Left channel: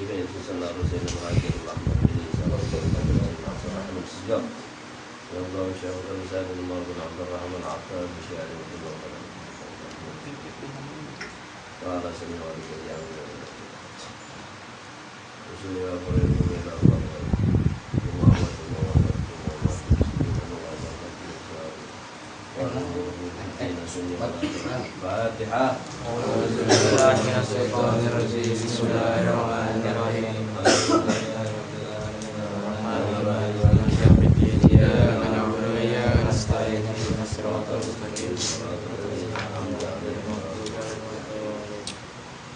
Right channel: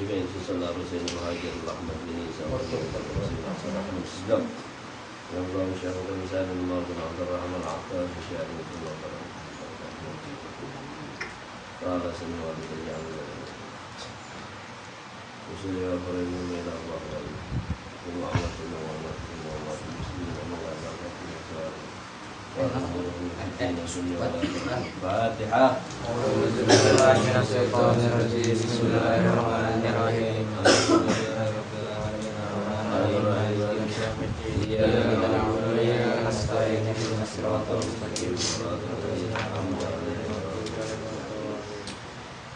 جميع صلى رسول المهاجر الأحمد بن عيسى وكان سيدنا عبد الرحمن السجاد الله شيخ الإنسان عمر بن عبد الرحمن العطار بشأن الله قال سمع والدي عمد وصلي وفرد من الله ومحمد ومحمد ومحمد المسلمين ومغادرة الإسلام والأمور في الدين سنة الفاتحة. أعوذ بالله من الشيطان الرجيم. بسم الله الرحمن الرحيم. الحمد لله رب العالمين الرحمن الرحيم مالك يوم الدين إياك نعبد وإياك نستعين اهدنا الصراط المستقيم صراط الذين أنعمت عليهم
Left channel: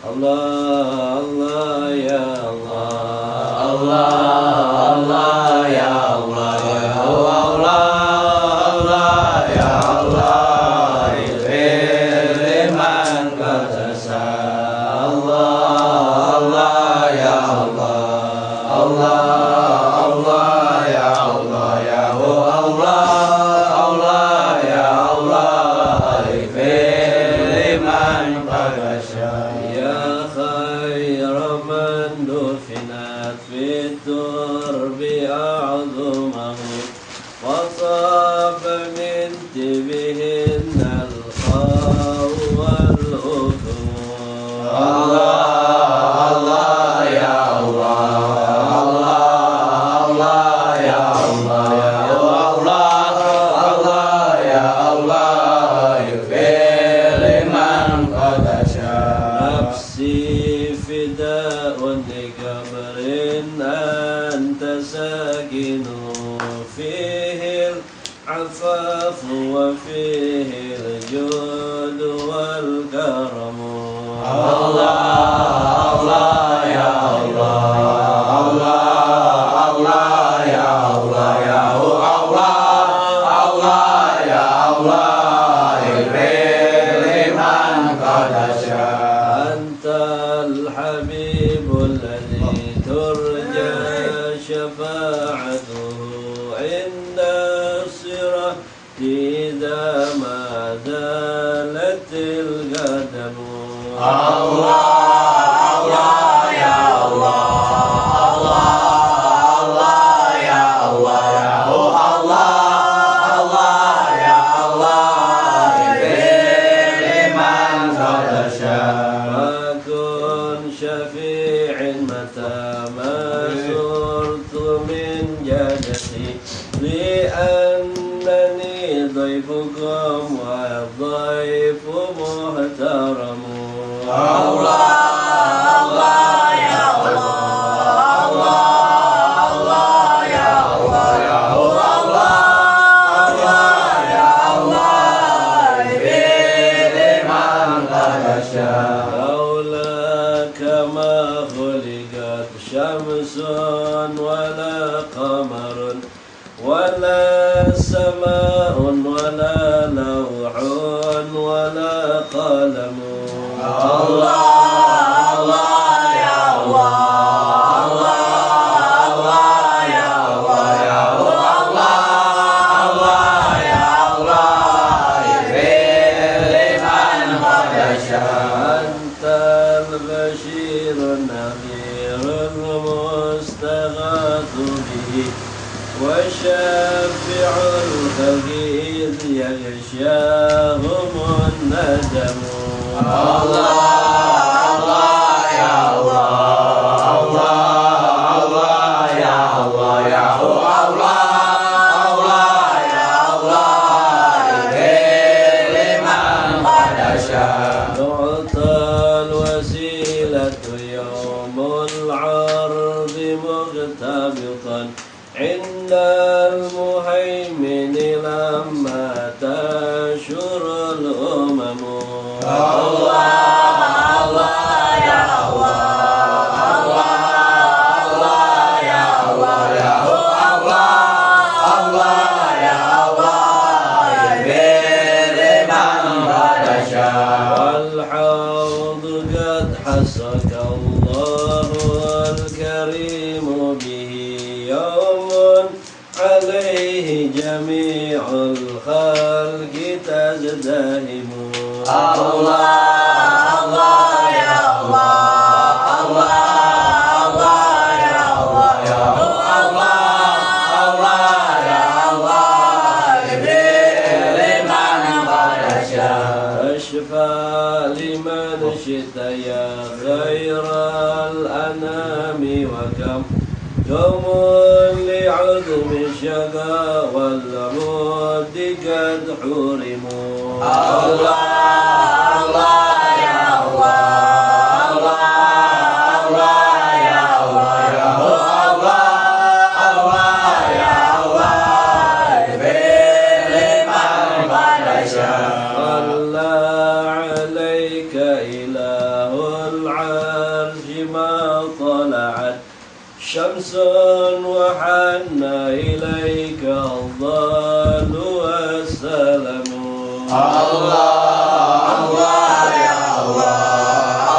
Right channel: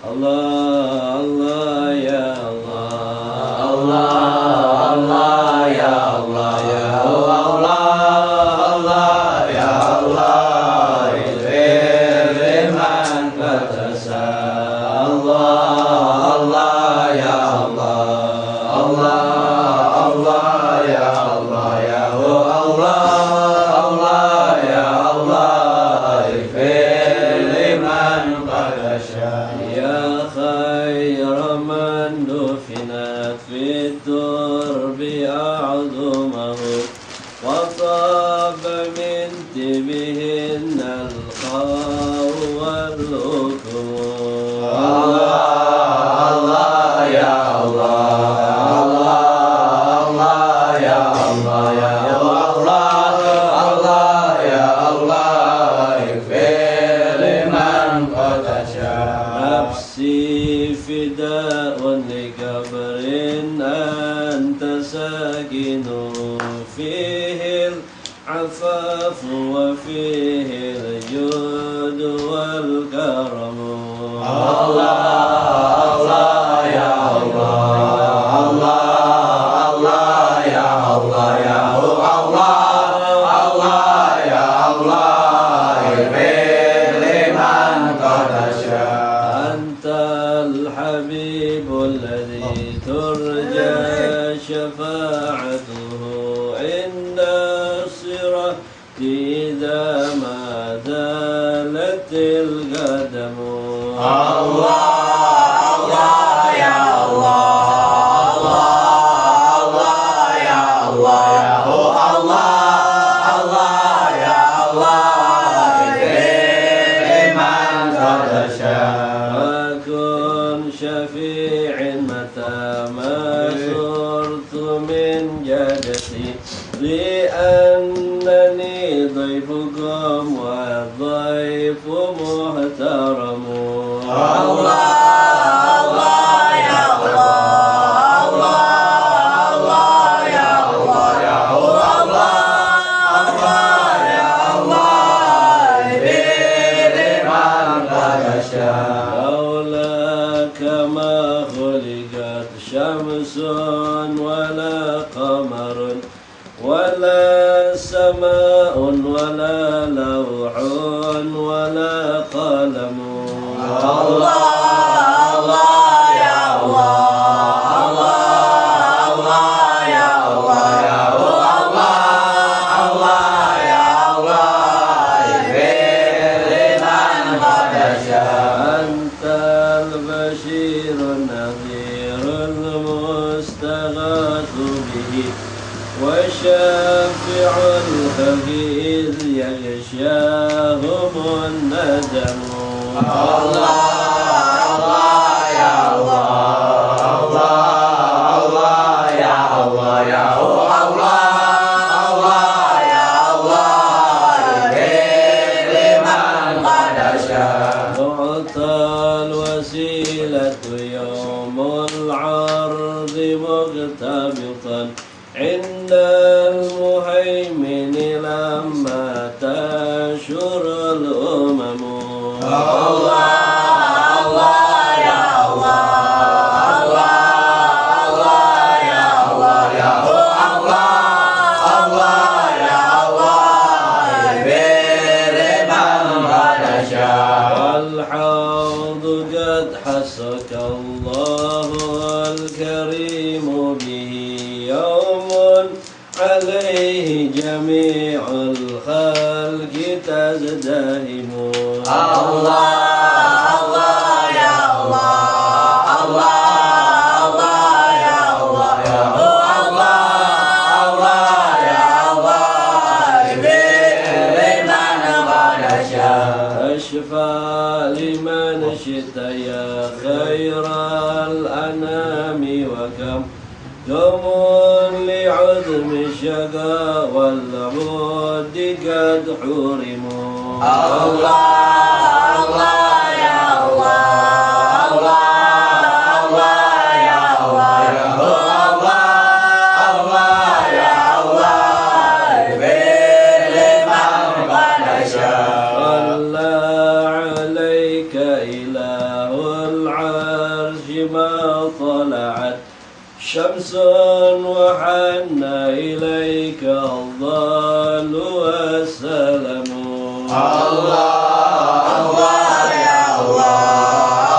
Allah Allah ya Allah Allah Allah ya Allah ya Allah Allah ya Allah ighfir liman qad tasa Allah Allah ya Allah Allah Allah ya Allah ya Allah Allah ya Allah ighfir liman qad tasa خير من دفنت في الترب أعظمه وصاب من تبهن الخاء والأكم الله الله يا الله الله يا الله يا الله الله يا الله اغفر لمن قد شاء نفسي فداء لقبر أنت ساكن فيه العفاف وفيه الجود والكرم الله الله يا الله الله الله يا الله يا الله الله يا الله اغفر لمن قد شاء أنت الحبيب الذي ترجى شفاعته عند الصراط إذا ما زالت القدم الله الله يا الله الله يا الله يا الله الله يا الله اغفر لمن قد شاء شفيع متى ما صرت من جدتي لأنني ضيفكم والضيف محترم الله الله يا الله الله يا الله يا الله الله يا الله اغفر لمن قد شاء كما خلقت شمس ولا قمر ولا سماء ولا لوح ولا قلم الله الله يا الله الله يا الله يا الله الله يا الله اغفر لمن قد شاء أنت البشير النذير المستغاث به وشافع الخلق يغشاهم الندم الله الله يا الله الله يا الله يا الله الله يا الله اغفر لمن قد شاء تعطى الوسيلة يوم العرض مغتبطا عند المهيمن لما تشر الأمم الله الله يا الله الله يا الله يا الله الله يا الله اغفر لمن قد شاء والحوض قد حسك الله الكريم به يوم عليه جميع الخلق الأنام وكم يوم لعظم الشقا والعود قد حرموا الله الله يا الله الله الله يا الله يا الله الله يا الله بلمن قد شاء صلى عليك إله العرش ما طلعت شمس وحن إليك الظل والسلام الله الله يا الله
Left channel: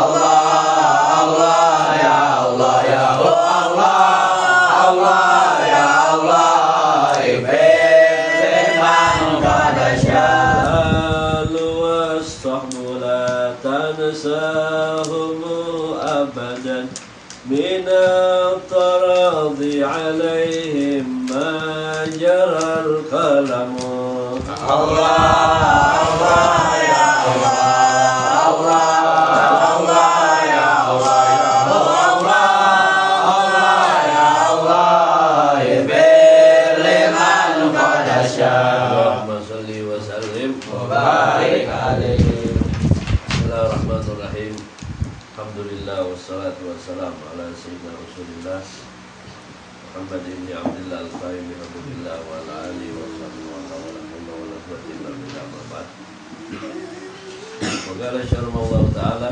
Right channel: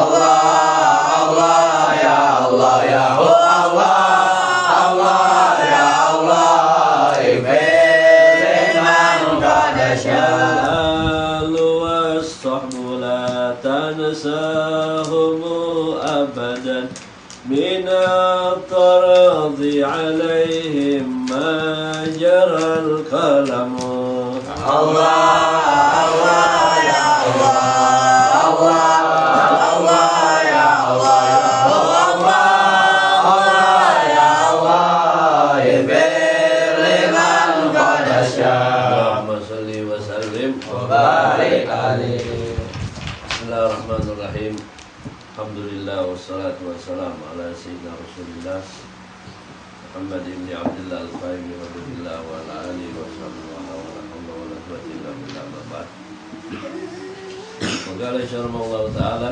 الله الله يا الله يا الله الله يا الله بلمن قد شاء الآل والصحب لا تنساهم أبدا من التراضي عليهم ما جرى القلم الله الله يا الله الله الله يا الله يا الله الله يا الله بلمن قد شاء اللهم صل وسلم وبارك عليه. Bismillahirrahmanirrahim. Alhamdulillah wassalatu wassalamu ala sayyidina Rasulillah Muhammad ibn Abdullah al-Qaimi Alhamdulillah wa ala alihi wa sahbihi wa la hawla wa la quwwata illa billah amma ba'd. Wa qala Allah ta'ala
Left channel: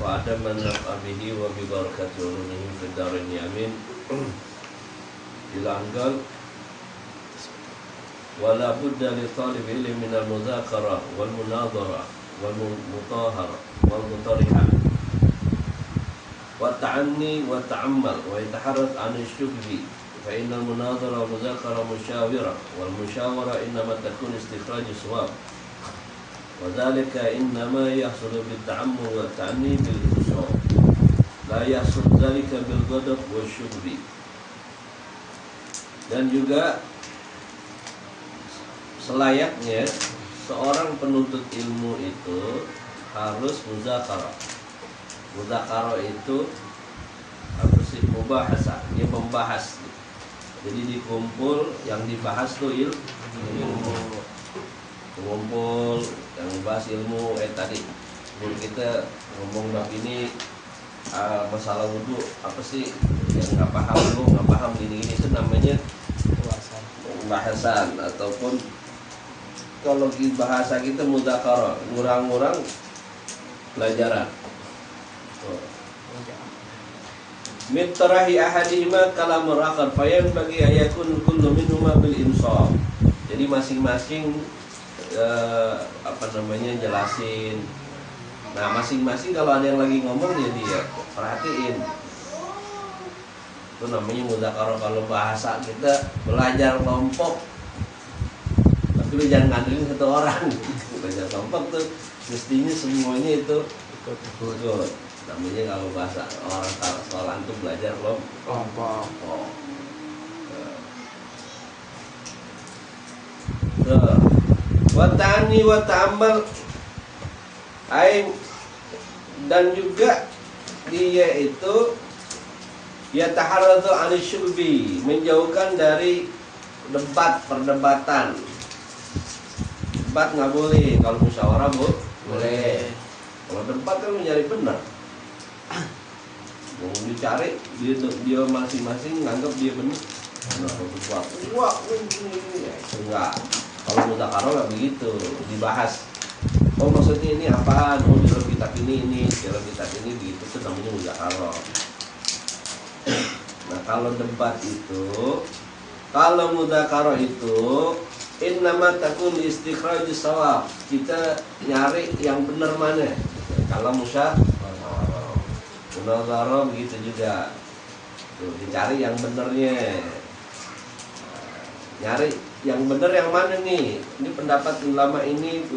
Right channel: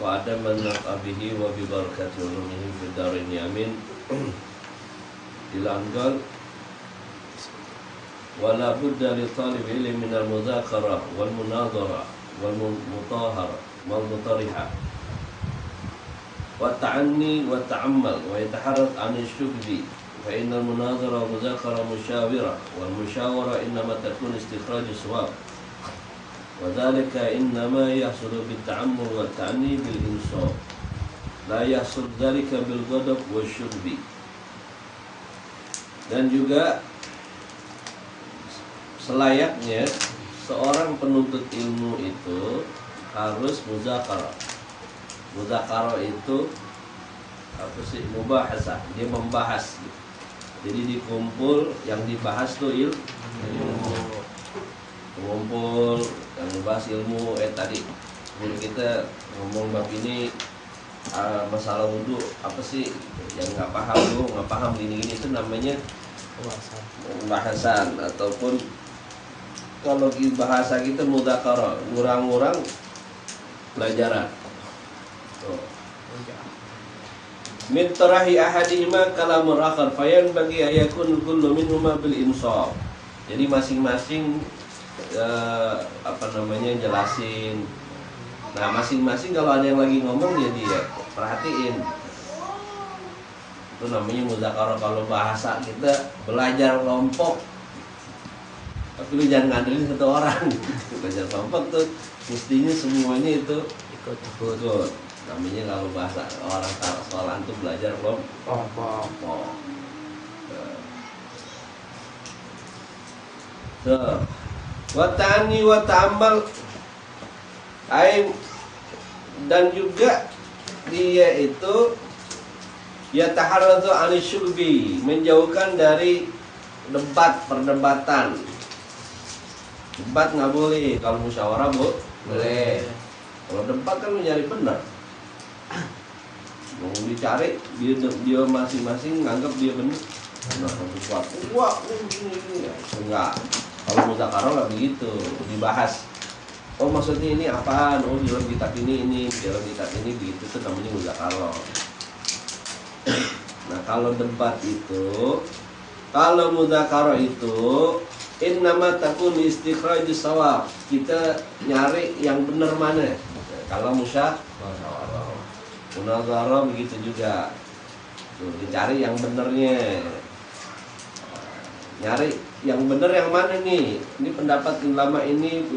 wa adaman naf'a bihi wa bi barakati ulumihi fid darin amin. Ila anqal wa la budda li talib ilmi min al-mudhakara wal munadhara wal mutahara wal mutariha wa ta'anni wa ta'ammal wa yataharrat an ash-shukbi fa inna al-munadhara wal mudhakara mushawira wal mushawara innama takun istikhraj as-sawab wa dhalika innama yahsulu bit ta'ammul wa ta'anni bil insaf la yahsul dhalika bil ghadab wa shukbi. Dan juga selayaknya seorang penuntut ilmu itu harus muzakarah. Muzakarah itu apa sih? Mubahasa, dia membahas. Jadi dikumpul, yang dibahas tuh ilmu. Kumpul yang membahas ilmu. Tadi guru kita ngomong bab ini masalah wudhu apa sih? Yang nggak paham lu, nggak paham gini-gini, itu namanya pembahasan ataupun kalau bahasa kita mudzakarah, ngurang-ngurang pelajaran. Min tarahi ahadihima kalamur akhar fayan bagi ayakun kullu minhuma bil insaf. Jadi masing-masing jelasin. Nah, masing-masing kalau ada yang lagi ngomong ya dia perhatiin. Itu namanya mudzakarah. Kalau bahasa kita belajar kelompok, tapi lu jangan ngandelin satu orang. Belajar kelompok tuh mestinya semuanya itu ikut. Namanya kalau bahasa orang sekolahan tuh belajar kelompok. Tuh. Wa ta'ani wa ta'ammal dan juga dia itu yataharradu anisyubi, menjauhkan dari perdebatan. Debat nggak boleh, kalau musyawarah boleh. Kalau debat kan mencari benar. Mau dicari dia masing-masing nganggap dia benar. Nah, sesuatu ini ya, itu enggak. Kalau mudzakarah nggak begitu, dibahas. Oh maksudnya ini apaan? Oh dalam kitab ini, dalam kitab ini begitu, itu namanya mudzakarah. Nah kalau debat itu, kalau mudzakarah itu innama takun istikhrajus shawab. Kita nyari yang benar mana. Kalau musyawarah, munazarah begitu juga. Tuh, dicari yang benernya. Nyari yang benar yang mana nih? Ini pendapat ulama ini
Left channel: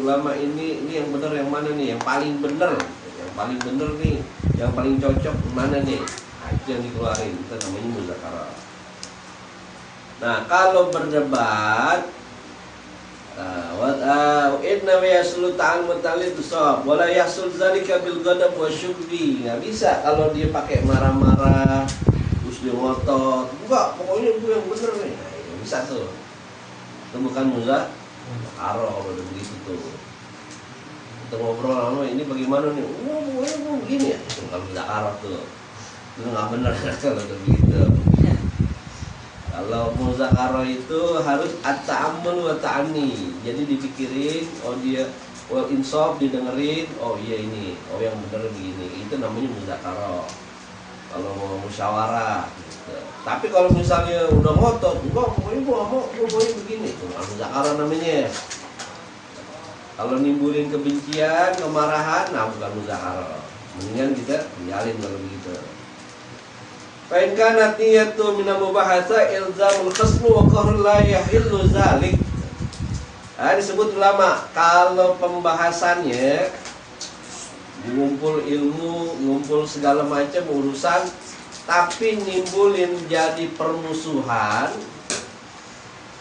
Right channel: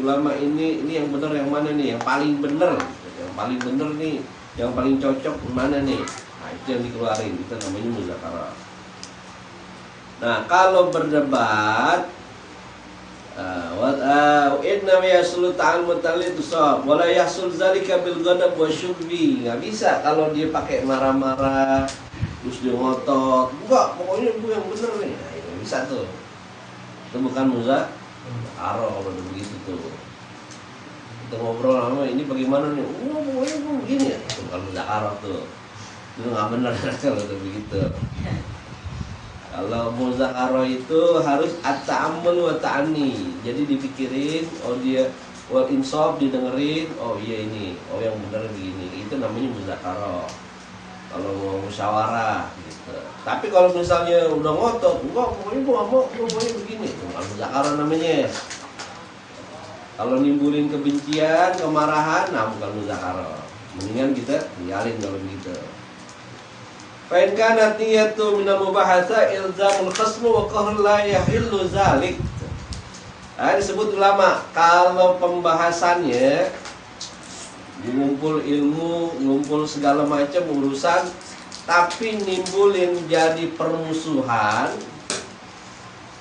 yang benar yang mana nih? Yang paling benar. Yang paling benar nih, yang paling cocok mana nih? Nah, itu yang dikeluarin, itu namanya mudzakarah. Nah, kalau berdebat Inna yasulu ta'al mutalid sab wala yasul zalika bil ghadab wa syubbi. Nggak bisa kalau dia pakai marah-marah terus dia ngotot. Enggak, pokoknya gue yang bener nih. Nah, ini bisa tuh. Itu bukan muzakaro kalau udah begitu tuh. Kita ngobrol sama ini bagaimana nih? Pokoknya gue begini ya. Itu bukan muzakaro tuh. Itu nggak bener kalau udah begitu. Kalau muzakaro itu harus at-ta'ammul wa ta'ani. Jadi dipikirin, oh dia wal insaf, didengerin, oh iya ini, oh yang benar begini. Itu namanya muzakaro. Kalau mau musyawarah gitu. Tapi kalau misalnya udah ngotot, enggak, pokoknya gua mau, pokoknya begini, itu bukan muzakaro namanya. Kalau nimbulin kebencian, kemarahan, nah bukan muzakaro. Mendingan kita tinggalin kalau begitu. Fa'in kanat niyatu minal mubahasa ilzamul khasmu wa qahrul la yahillu zalik. Nah, disebut ulama kalau pembahasannya ngumpul ilmu, ngumpul segala macam urusan, tapi nimbulin jadi permusuhan,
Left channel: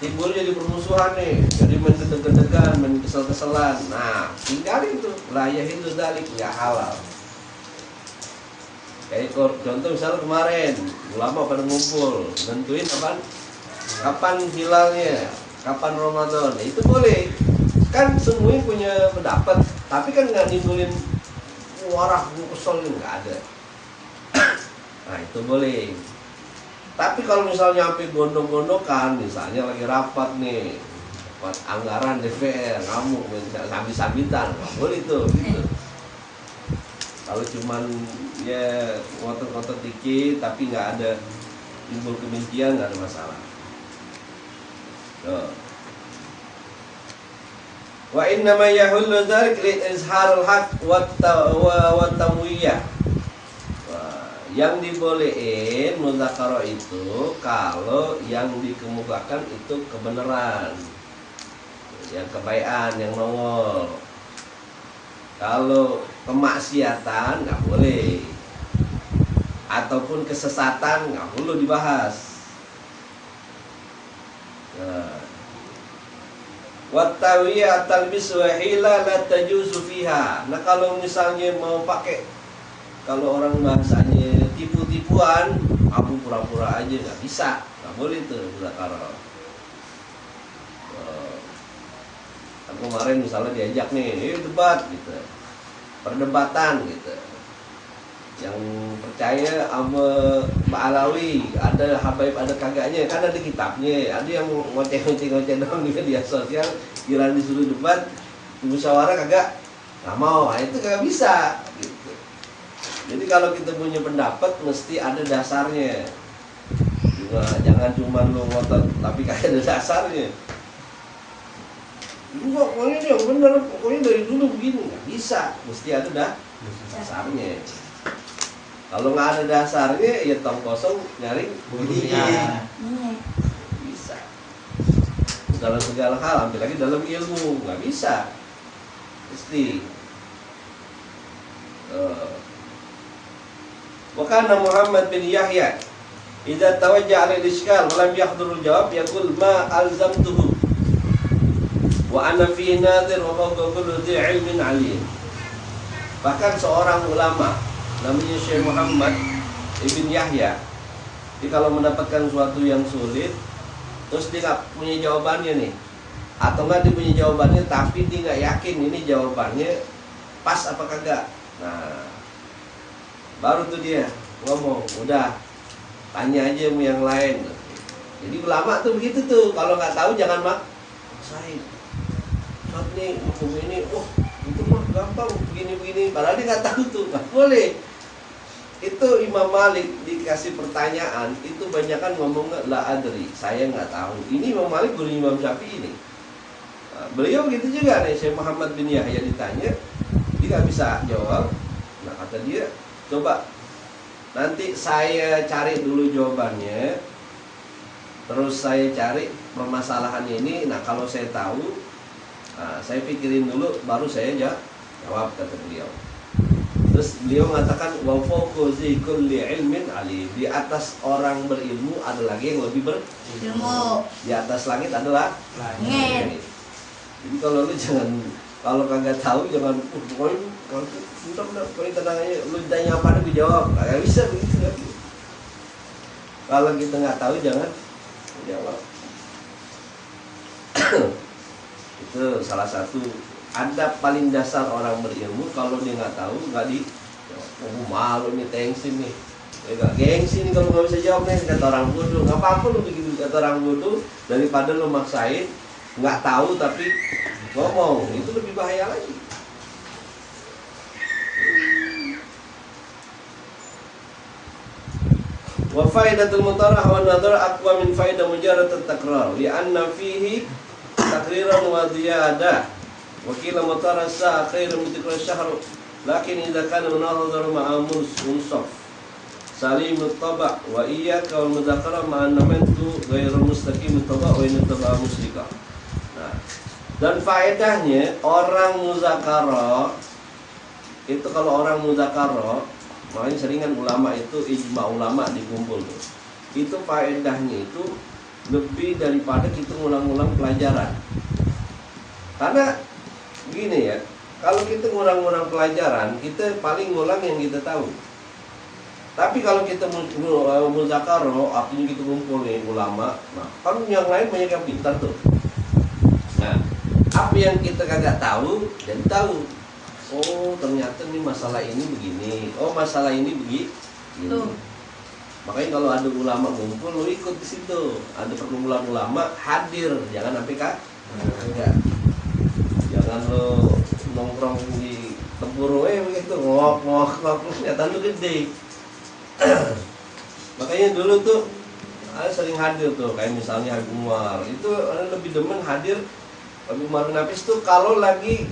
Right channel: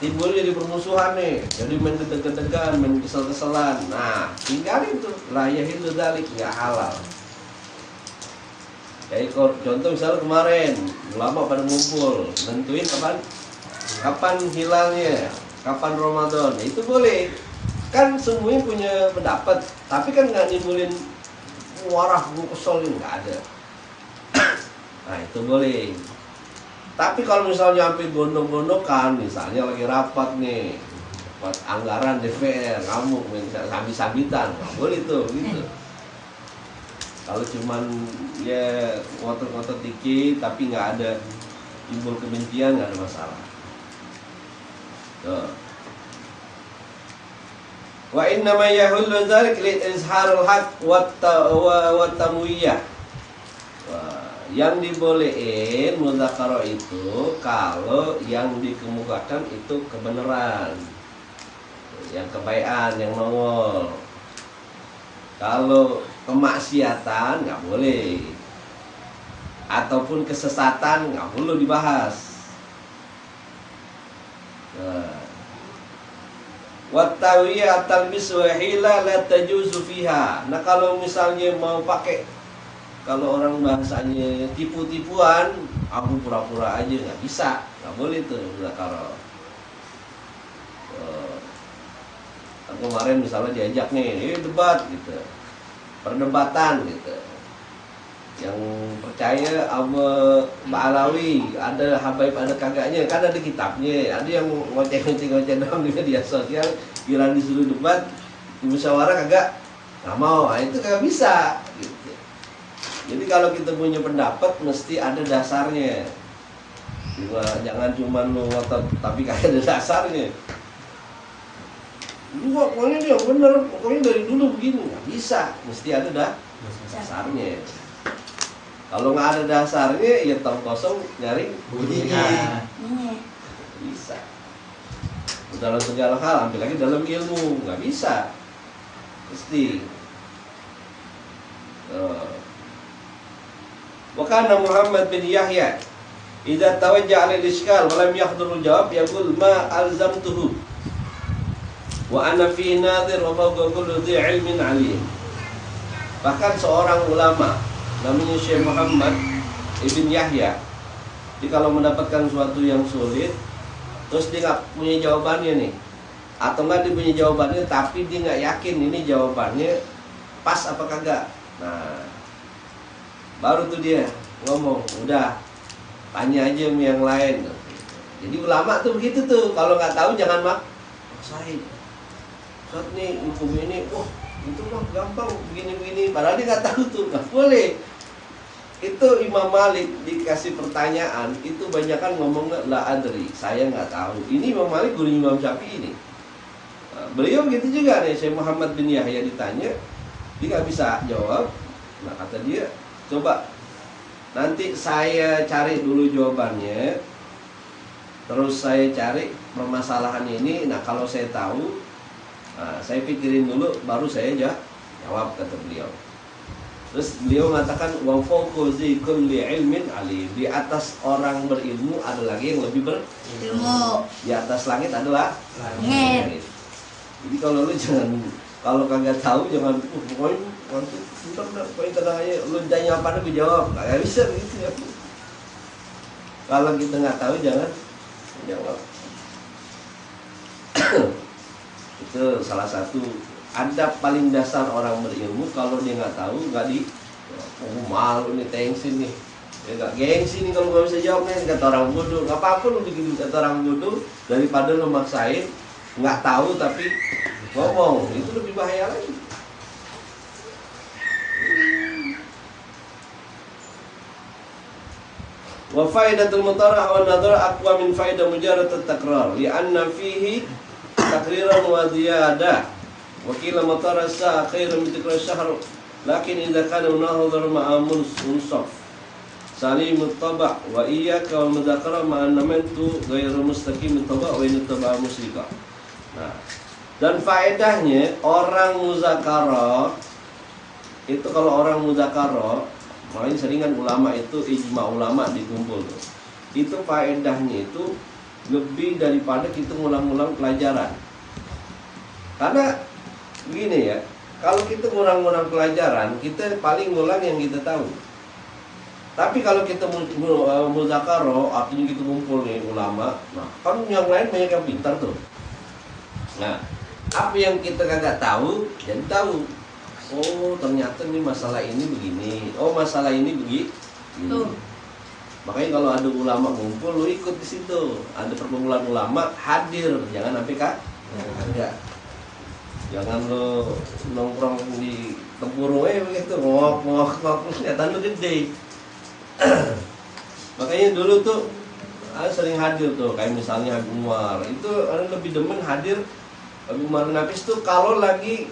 timbul jadi permusuhan nih, jadi main gedeg-gedegan, main kesel-keselan. Nah, tinggalin tuh, la yahillu zalik, nggak halal. Kayak contoh misalnya kemarin ulama pada ngumpul nentuin kapan hilalnya, kapan Ramadan, itu boleh kan, semuanya punya pendapat, tapi kan nggak nimbulin warah kesel, nggak ada. Nah itu boleh. Tapi kalau misalnya sampai gondok-gondokan, misalnya lagi rapat nih, rapat anggaran DPR, ngamuk, sambit-sambitan, nggak boleh tuh gitu. Kalau cuman ya ngotot-ngotot dikit tapi nggak ada timbul kebencian, nggak ada masalah. Tuh. Wa inna ma yahullu dzalik li izharul haq wa tamwiyah. Yang dibolehin muzakaro itu kalau yang dikemukakan itu kebenaran, yang kebaikan, yang nongol. Kalau kemaksiatan nggak boleh, ataupun kesesatan nggak perlu dibahas. Wattawiyah talbis wa hila la tajuzu fiha. Nah kalau misalnya mau pakai, kalau orang bahasanya tipu-tipuan, aku pura-pura aja, nggak bisa, nggak boleh tuh muzakaro. Kemarin misalnya diajak nih, debat gitu, perdebatan gitu. Yang percaya sama Mbak Alawi, ada habaib ada kagaknya, kan ada kitabnya. Ada yang ngoceh-ngoceh doang di media sosial, giliran disuruh debat, musyawarah kagak, nggak mau. Nah, itu kagak bisa gitu. Jadi kalau kita punya pendapat mesti ada dasarnya. Jangan cuma lu ngotot tapi kagak ada dasarnya. Lu pokoknya dia bener, pokoknya dari dulu begini, nggak bisa, mesti ada dasarnya. Kalau nggak ada dasarnya, ya tong kosong nyari bunyinya. Bisa. Dalam segala hal, ambil lagi dalam ilmu, nggak bisa, mesti. Wakana Muhammad bin Yahya, idza tawajja'a al-ishkal wa lam yahdurul jawab, yaqul ma alzamtuhu wa ana fi nadir wa fawqa kulli dhi ilmin alim. Bahkan seorang ulama namanya Syekh Muhammad ibn Yahya, jadi kalau mendapatkan sesuatu yang sulit terus dia nggak punya jawabannya nih, atau nggak dia punya jawabannya tapi dia nggak yakin ini jawabannya pas apa kagak, nah baru tuh dia ngomong, udah tanya aja sama yang lain. Jadi ulama tuh begitu tuh, kalau nggak tahu jangan maksain. Saat nih hukum ini, itu mah gampang begini-begini, padahal dia nggak tahu tuh, nggak boleh. Itu Imam Malik dikasih pertanyaan, itu banyakan ngomong la adri, saya nggak tahu. Ini Imam Malik guru Imam Syafi'i ini. Nah, beliau begitu juga nih, Syekh Muhammad bin Yahya ditanya, dia nggak bisa jawab. Nah kata dia, coba nanti saya cari dulu jawabannya, terus saya cari permasalahan ini. Nah kalau saya tahu, saya pikirin dulu, baru saya jawab, kata beliau. Terus beliau mengatakan wa fawqa kulli ilmin alim, di atas orang berilmu ada lagi yang lebih berilmu. Di atas langit adalah langit. Jadi kalau lu jangan, kalau kagak tahu jangan pokoknya udah pokoknya tenang aja, lu tanya apa gue jawab, kagak bisa begitu kan. Kalau kita nggak tahu jangan jawab. Itu salah satu adab paling dasar orang berilmu. Kalau dia nggak tahu nggak di, malu nih, tensin nih, ya nggak gengsi nih kalau nggak bisa jawab nih, kata orang bodoh. Nggak apa-apa lu begitu kata orang bodoh daripada lu maksain nggak tahu tapi ngomong, itu lebih bahaya lagi. Wa faidatul mutarah wa nadhar aqwa min faidah mujarrad at-takrar li'anna fihi takriran wa ziyada wa qila mutarah sa khairan min tikrar syahr lakin idza kana munadhar ma'a munsaf salim at-taba' wa iyyaka wal mudzakarah ma'a namantu ghairu mustaqim at-taba' wa in at-taba' musyrika. Nah, dan faedahnya orang muzakarah itu, kalau orang muzakarah, makanya seringan ulama itu ijma ulama dikumpul tuh. Itu faedahnya itu lebih daripada kita ngulang-ngulang pelajaran. Karena gini ya, kalau kita ngulang-ngulang pelajaran, kita paling ngulang yang kita tahu. Tapi kalau kita muzakarah, artinya kita kumpul nih ulama, nah kan yang lain banyak yang pintar tuh. Nah, apa yang kita kagak tahu, jadi tahu. Oh, ternyata nih masalah ini begini. Oh, masalah ini begini. Makanya kalau ada ulama ngumpul, lu ikut di situ. Ada perkumpulan ulama, hadir. Jangan sampai enggak. Jangan lu nongkrong di tempuru begitu, ngok, kelihatan lu gede. Makanya dulu tuh sering hadir tuh, kayak misalnya Habib Umar. Itu lebih demen hadir Habib Umar bin Hafiz tuh kalau lagi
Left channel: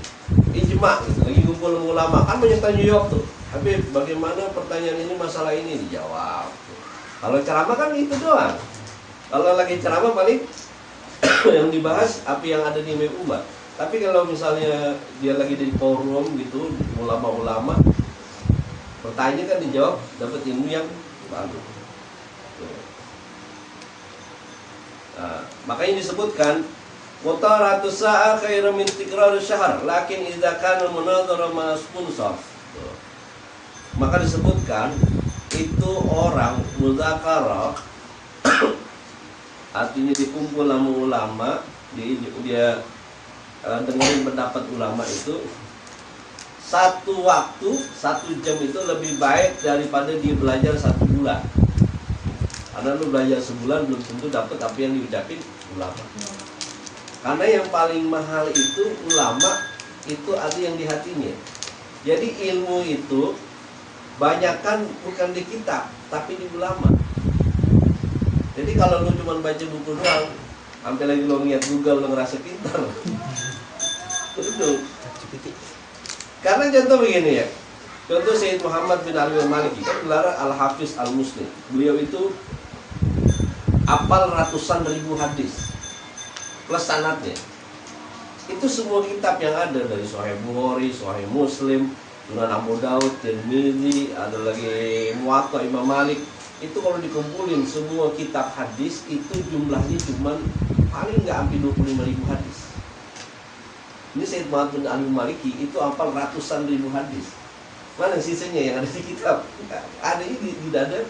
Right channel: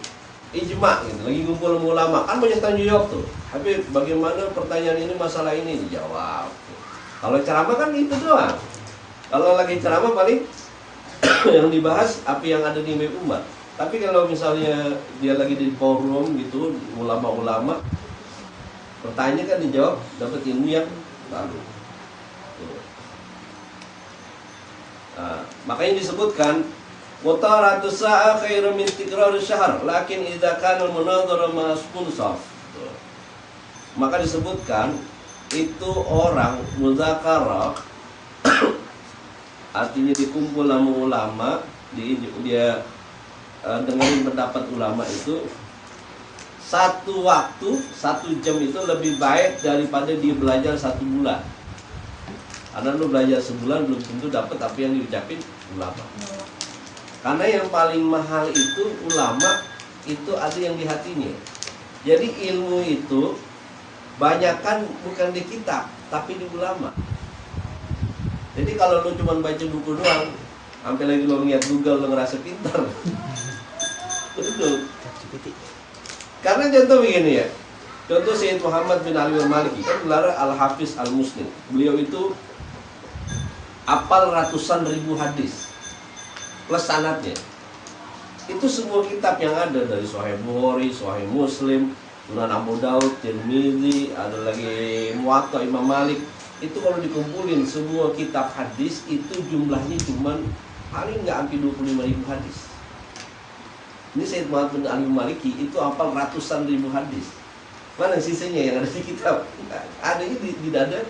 ijma gitu, lagi kumpul ulama, kan banyak tanya jawab tuh. Habib, bagaimana pertanyaan ini, masalah ini, dijawab. Kalau ceramah kan itu doang. Kalau lagi ceramah paling yang dibahas apa yang ada di Habib Umar. Tapi kalau misalnya dia lagi di forum gitu, ulama-ulama, pertanyaan kan dijawab, dapat ilmu yang baru. Nah, makanya disebutkan mutaratu sa'a khairu min tikrar syahr lakin idza kana munadhara ma sponsor. Maka disebutkan itu orang muzakarah artinya dikumpul sama ulama, dia dengerin pendapat ulama itu, satu waktu 1 jam itu lebih baik daripada dia belajar 1 bulan. Karena lu belajar sebulan belum tentu dapat apa yang diucapin ulama. Karena yang paling mahal itu ulama, itu ada yang di hatinya. Jadi ilmu itu banyakkan bukan di kitab, tapi di ulama. Jadi kalau lu cuma baca buku doang, sampai lagi lu lihat Google, lu ngerasa pintar. Betul. Karena contoh begini ya. Contoh Sayyid Muhammad bin Ali al-Maliki kan gelar Al-Hafiz Al-Muslim. Beliau itu apal ratusan ribu hadis plus sanadnya. Itu semua kitab yang ada, dari Sahih Bukhari, Sahih Muslim, Sunan Abu Daud, Tirmidzi, ada lagi Muwatta Imam Malik. Itu kalau dikumpulin semua kitab hadis itu jumlahnya cuman paling nggak sampai 25.000 hadis. Ini Sayyid Muhammad bin Ali Maliki itu hafal ratusan ribu hadis. Mana sisanya yang ada di kitab? Adanya di dada.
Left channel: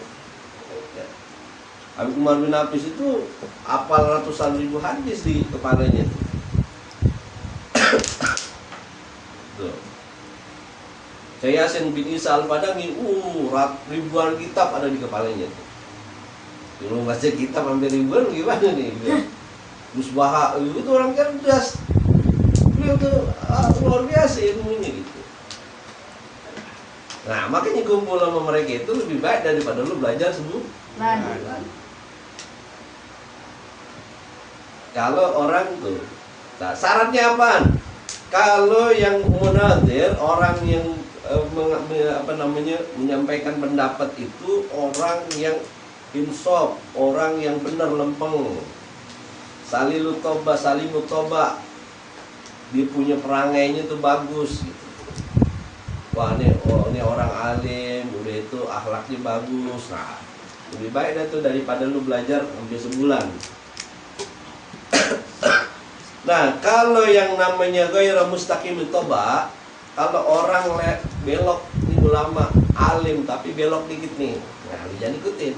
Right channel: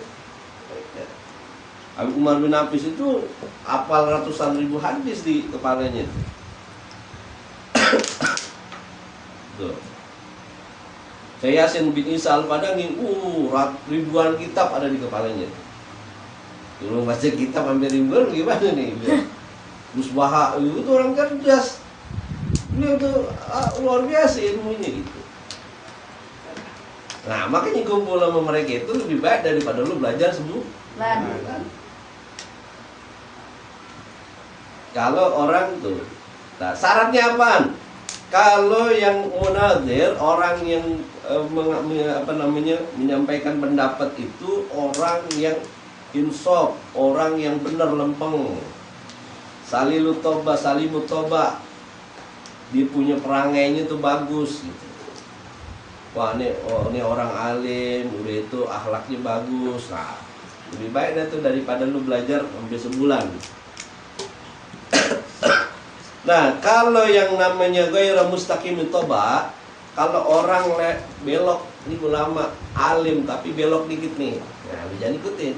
Habib Umar bin Hafiz itu hafal ratusan ribu hadis di kepalanya. Tuh. Saya Yasin bin Isa Al-Padangi, ribuan kitab ada di kepalanya. Dulu baca kitab hampir ribuan, gimana nih? Musbah itu orang cerdas. Beliau tuh luar biasa ilmunya gitu. Nah, makanya kumpul sama mereka itu lebih baik daripada lu belajar sebulan. Kalau orang tuh, nah, syaratnya apaan? Kalau yang munadzir, orang yang menyampaikan pendapat itu orang yang insaf, orang yang benar lempeng. Salimu toba, dia punya perangainya tuh bagus gitu. Wah, ini orang alim, udah itu akhlaknya bagus. Nah, lebih baik dah tuh daripada lu belajar sampai sebulan. Nah, kalau yang namanya ghairu mustaqim toba, kalau orang belok, ini ulama alim tapi belok dikit nih, nah jangan ikutin.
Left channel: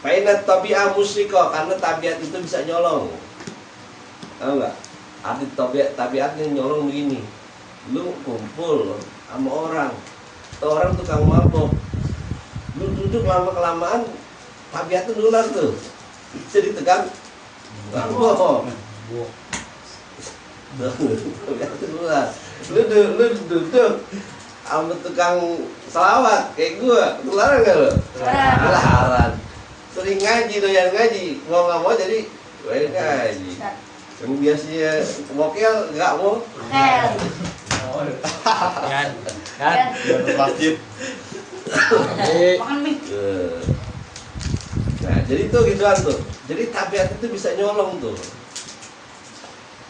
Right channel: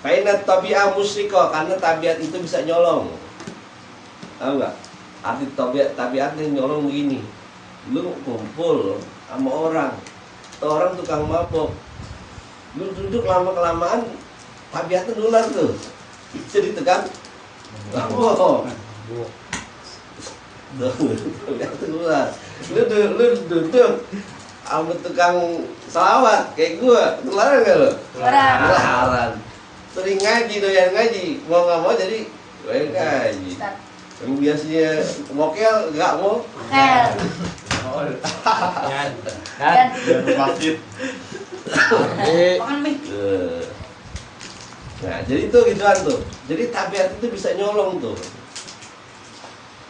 Fainat tabi'ah musyrikah, karena tabiat itu bisa nyolong. Tahu nggak? Arti tabiatnya nyolong begini. Lu kumpul sama orang tukang mabok, lu duduk lama-kelamaan tabiatnya nular tuh, jadi tegang mabok. Tabiatnya nular. Lu duduk sama tukang selawat kayak gua, ketularan gak lu? Ketularan. Sering ngaji, doyan ngaji, mau nggak mau jadi doyan ngaji. Yang biasanya mokel nggak mau. Kan masjid. Nah, jadi itu gituan tuh. Jadi tabiat itu bisa nyolong tuh.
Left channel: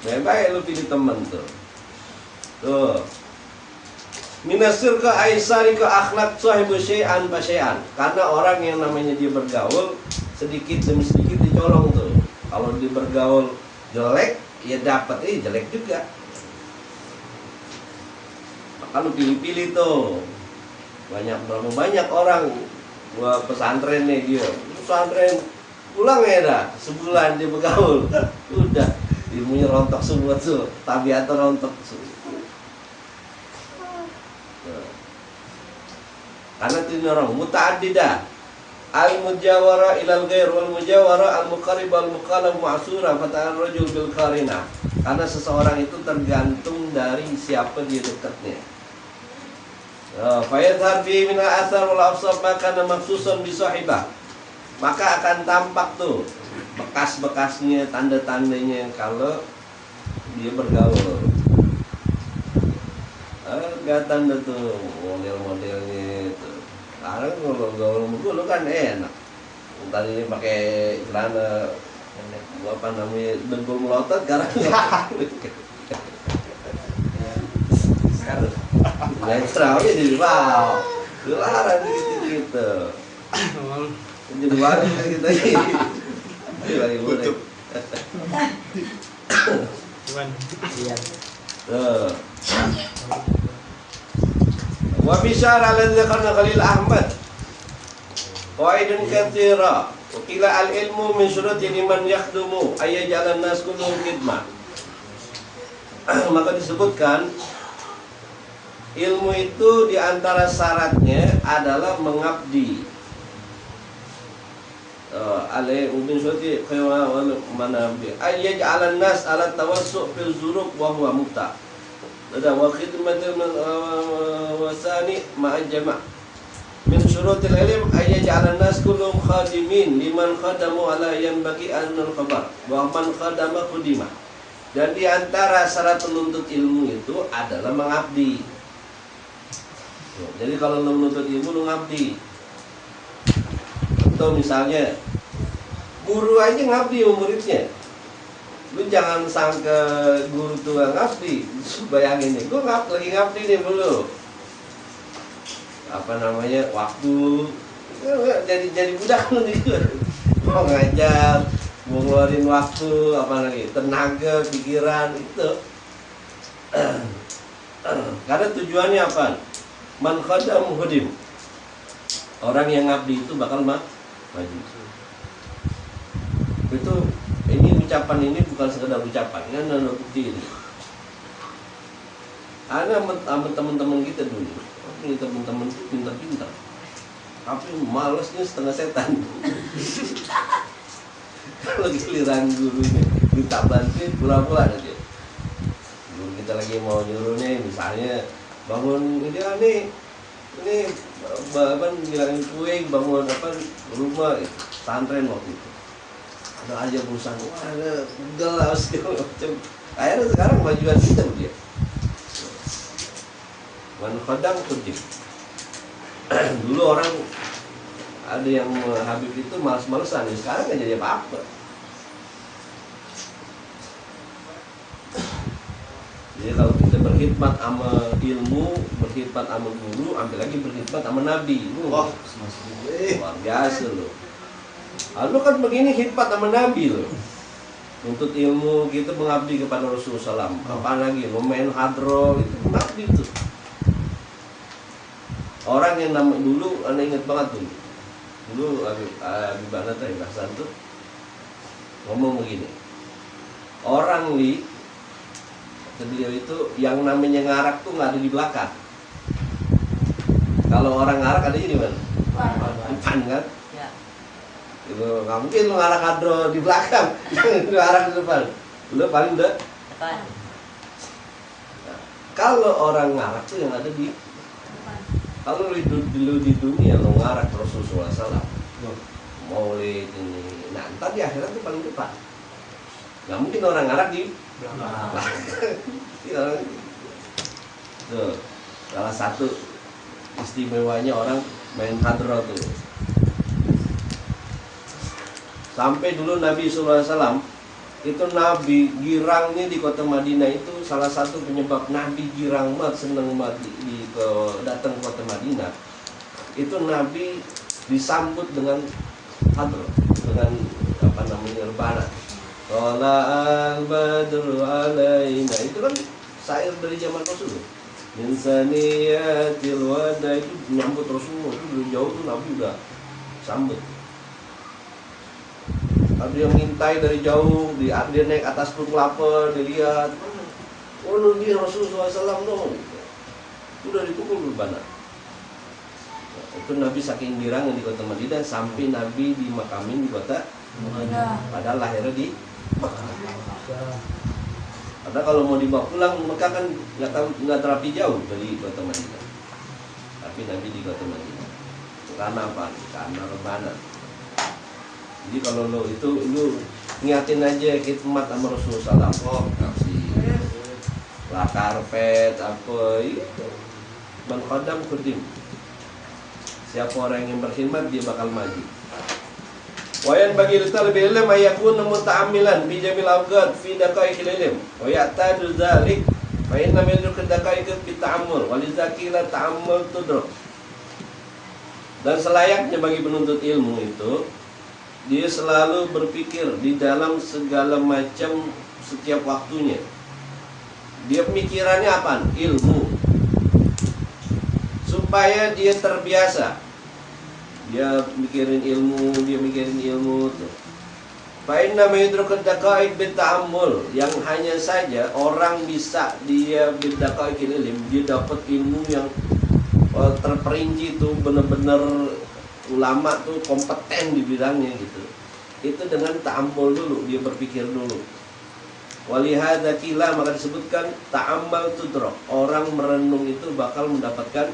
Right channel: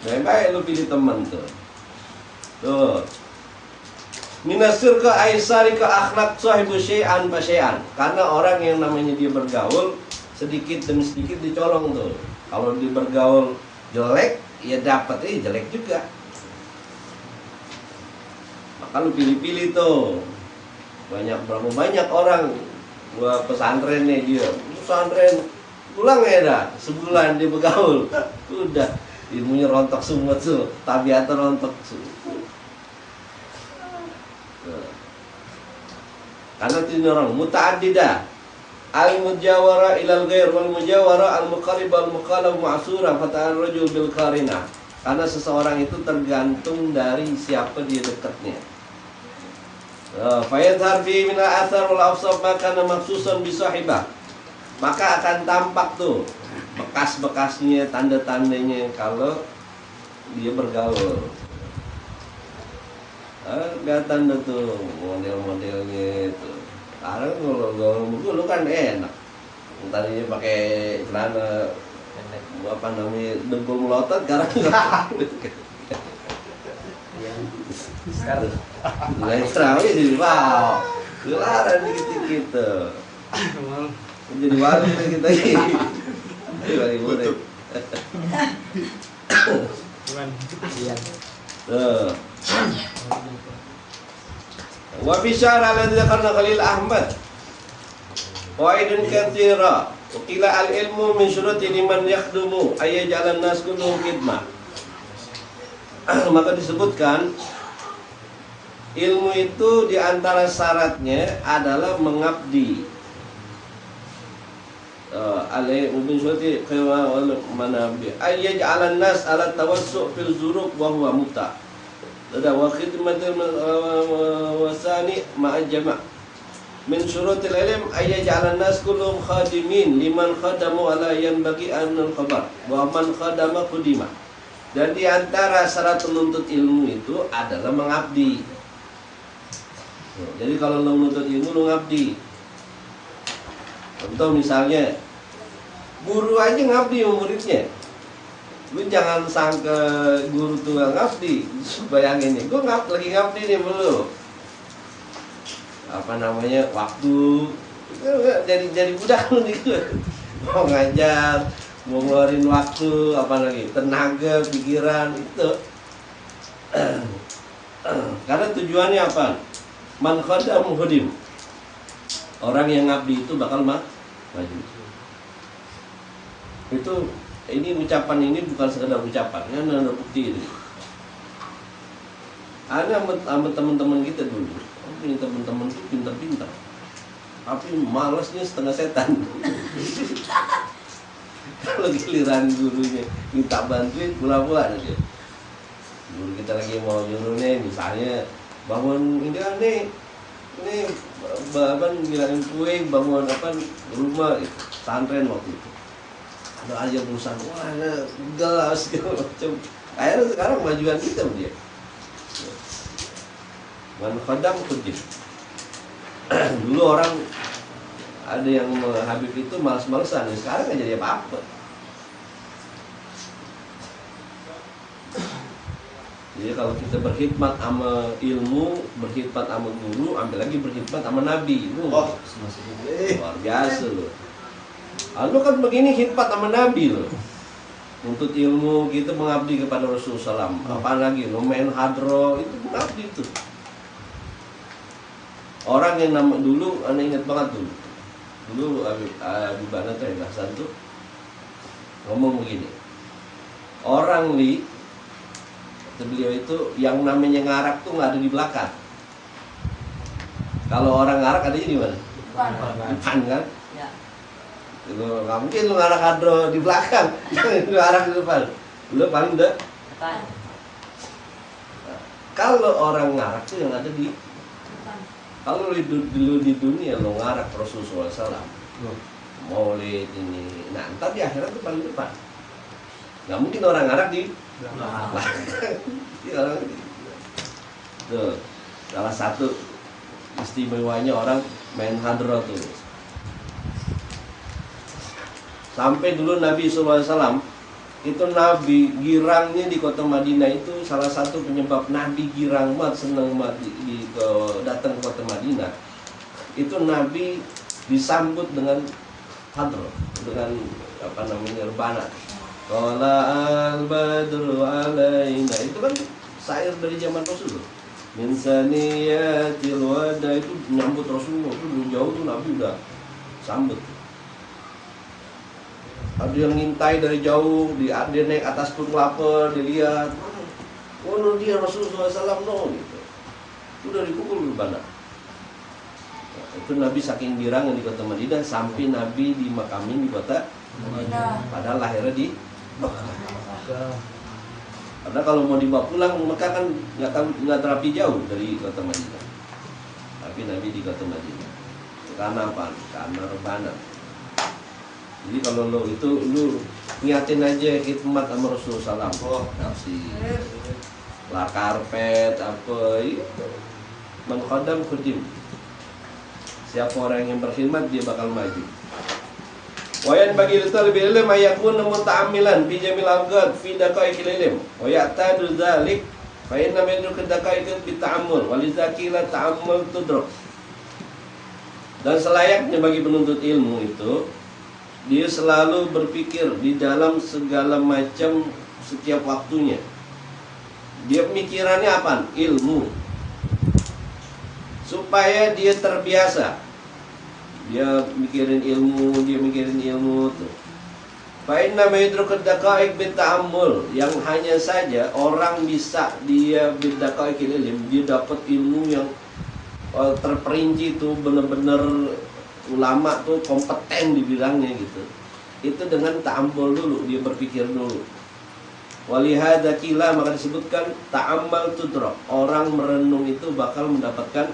Baik lu pilih teman tuh. Tuh. Minasir ke aisari ke akhlak sahibu syai'an pa syai'an. Karena orang yang namanya dia bergaul sedikit demi sedikit dicolong tuh. Kalau dia bergaul jelek, ya dapatnya jelek juga. Maka lu pilih-pilih tuh. Berapa banyak orang gua pesantren nih dia. Pesantren pulang ya dah, sebulan dia bergaul. Udah ilmunya rontok semua tuh, tabiatnya rontok semua. Karena ini orang muta'addidah, al-mujawara ilal ghair wal mujawara al-muqarrib wal muqallab ma'sura fata'an rajul bil qarina. Karena seseorang itu tergantung dari siapa dia dekatnya. Fayadhar fi min al-athar wal afsab maka maksusan bi sahibah. Maka akan tampak tuh bekas-bekasnya, tanda-tandanya kalau dia bergaul. Ada tanda tuh model-modelnya itu. Sekarang kalau gaul lu kan enak. Tadinya pakai celana apa namanya dengkul melotot, sekarang sekarang lain terawih jadi wow, dilarang dikit-dikit tuh. Jadi wali kita ini. Jadi wali murid. Tuh. Wa bisyara alladhi dzakarna Khalil Ahmad qaidun katsira wa qila al-ilmu min syuruti liman yakhdumu ay yaj'alan nas kulluhum khidmah. Maka disebutkan ilmu itu diantara syaratnya adalah mengabdi. Alai min syuruti khaywa wal manabi ay yaj'alan nas ala tawassu' fil zurub wa huwa mubta'. Ada wa khidmatul wasani ma'a jama' min syurutil ilm ay yaj'alan nas kullum khadimin liman khadamu ala yanbaghi annal khabar wa man khadama khudima. Dan di antara syarat penuntut ilmu itu adalah mengabdi. Jadi kalau lu menuntut ilmu lu ngabdi. Atau misalnya guru aja ngabdi sama muridnya. Lu jangan sangka guru tuh gak ngabdi. Bayangin nih, gue lagi ngabdi nih belum. Apa namanya, waktu jadi budak lu nih. Mau ngajar, mau ngeluarin waktu, apa lagi, tenaga, pikiran, itu. Karena tujuannya apa? Man khadam hudim. Orang yang ngabdi itu bakal maju. Itu ini ucapan ini bukan sekedar ucapan, ini ada bukti gitu. Ada sama teman-teman kita dulu, ini teman-teman itu pintar-pintar, tapi malesnya setengah setan. Kalau giliran gurunya minta bantuin, pula-pula ada dia. Guru kita lagi mau nyuruh nih, misalnya bangun ini bangun ngilangin kue, bangun apa rumah, gitu. Pesantren waktu itu. Ada aja perusahaan, wah ada gelas segala macam. Akhirnya sekarang majuan kita dia. Man khadam khudim. Dulu orang ada yang Habib itu malas-malesan, ya sekarang nggak jadi apa-apa. Jadi kalau kita berkhidmat sama ilmu, berkhidmat sama guru, ambil lagi berkhidmat sama nabi. Oh, luar biasa loh. Lu kan begini khidmat sama nabi loh. nuntut ilmu gitu, mengabdi kepada Rasulullah SAW. Apalagi lo main hadro itu mengabdi itu. Orang yang nama dulu, anda ingat banget dulu Habib Banat Hasan tuh ngomong begini, orang kata beliau itu yang namanya ngarak tuh nggak ada di belakang. Kalau orang ngarak adanya di mana? Depan kan? Itu nggak mungkin lu ngarak hadro di belakang, lu ngarak di depan, lu paling depan. Nah, kalau orang ngarak tuh yang ada di, kalau dulu di dunia lo ngarak Rasulullah SAW, maulid ini, nah ntar di akhirat tuh paling depan. Nggak mungkin orang ngarak di belakang. Tuh, salah satu istimewanya orang main hadro tuh. Sampai dulu Nabi SAW itu Nabi girangnya di kota Madinah itu salah satu penyebab Nabi girang banget, seneng banget datang ke kota Madinah. Itu Nabi disambut dengan hadro, dengan apa namanya rebana. Qala al-badru alaina, itu kan syair dari zaman Rasul. Min saniyatil wada, itu nyambut Rasulullah, itu dari jauh tuh Nabi udah sambut. Ada yang ngintai dari jauh, dia naik atas pohon kelapa, dia lihat, oh dia Rasulullah SAW dong, gitu. Itu udah dipukul berbana. Nah, itu Nabi saking girangnya di kota Madinah sampai Nabi dimakamin di kota Madinah. Padahal lahirnya di Mekah. Karena kalau mau dibawa pulang Mekah kan nggak terapi jauh dari kota Madinah. Tapi Nabi di kota Madinah. Karena apa? Karena rebana. Jadi kalau lu ngiatin aja khidmat sama Rasulullah SAW, kasih lah karpet apa itu, man khadam khudim. Siapa orang yang berkhidmat dia bakal maju. Wayan bagi talibul ilm ayakun muta'ammilan bi jamil awqat fi daqaiqil ilm wa ya'tadu dzalik fa inna min daqaiq bi ta'ammul wa lizakila ta'ammul tudrak. Dan selayaknya bagi penuntut ilmu itu dia selalu berpikir di dalam segala macam setiap waktunya. Dia pemikirannya apa? Ilmu. Supaya dia terbiasa. Dia mikirin ilmu tuh. Fa inna ma yudrikud daqaiq bit ta'ammul, yang hanya saja orang bisa dia bid daqaiqil ilm, dia dapat ilmu yang terperinci tuh, benar-benar ulama tuh kompeten di bidangnya gitu. Itu dengan ta'ammul dulu, dia berpikir dulu. Walihada kila, maka disebutkan ta'ammal tudrak, orang merenung itu bakal mendapatkan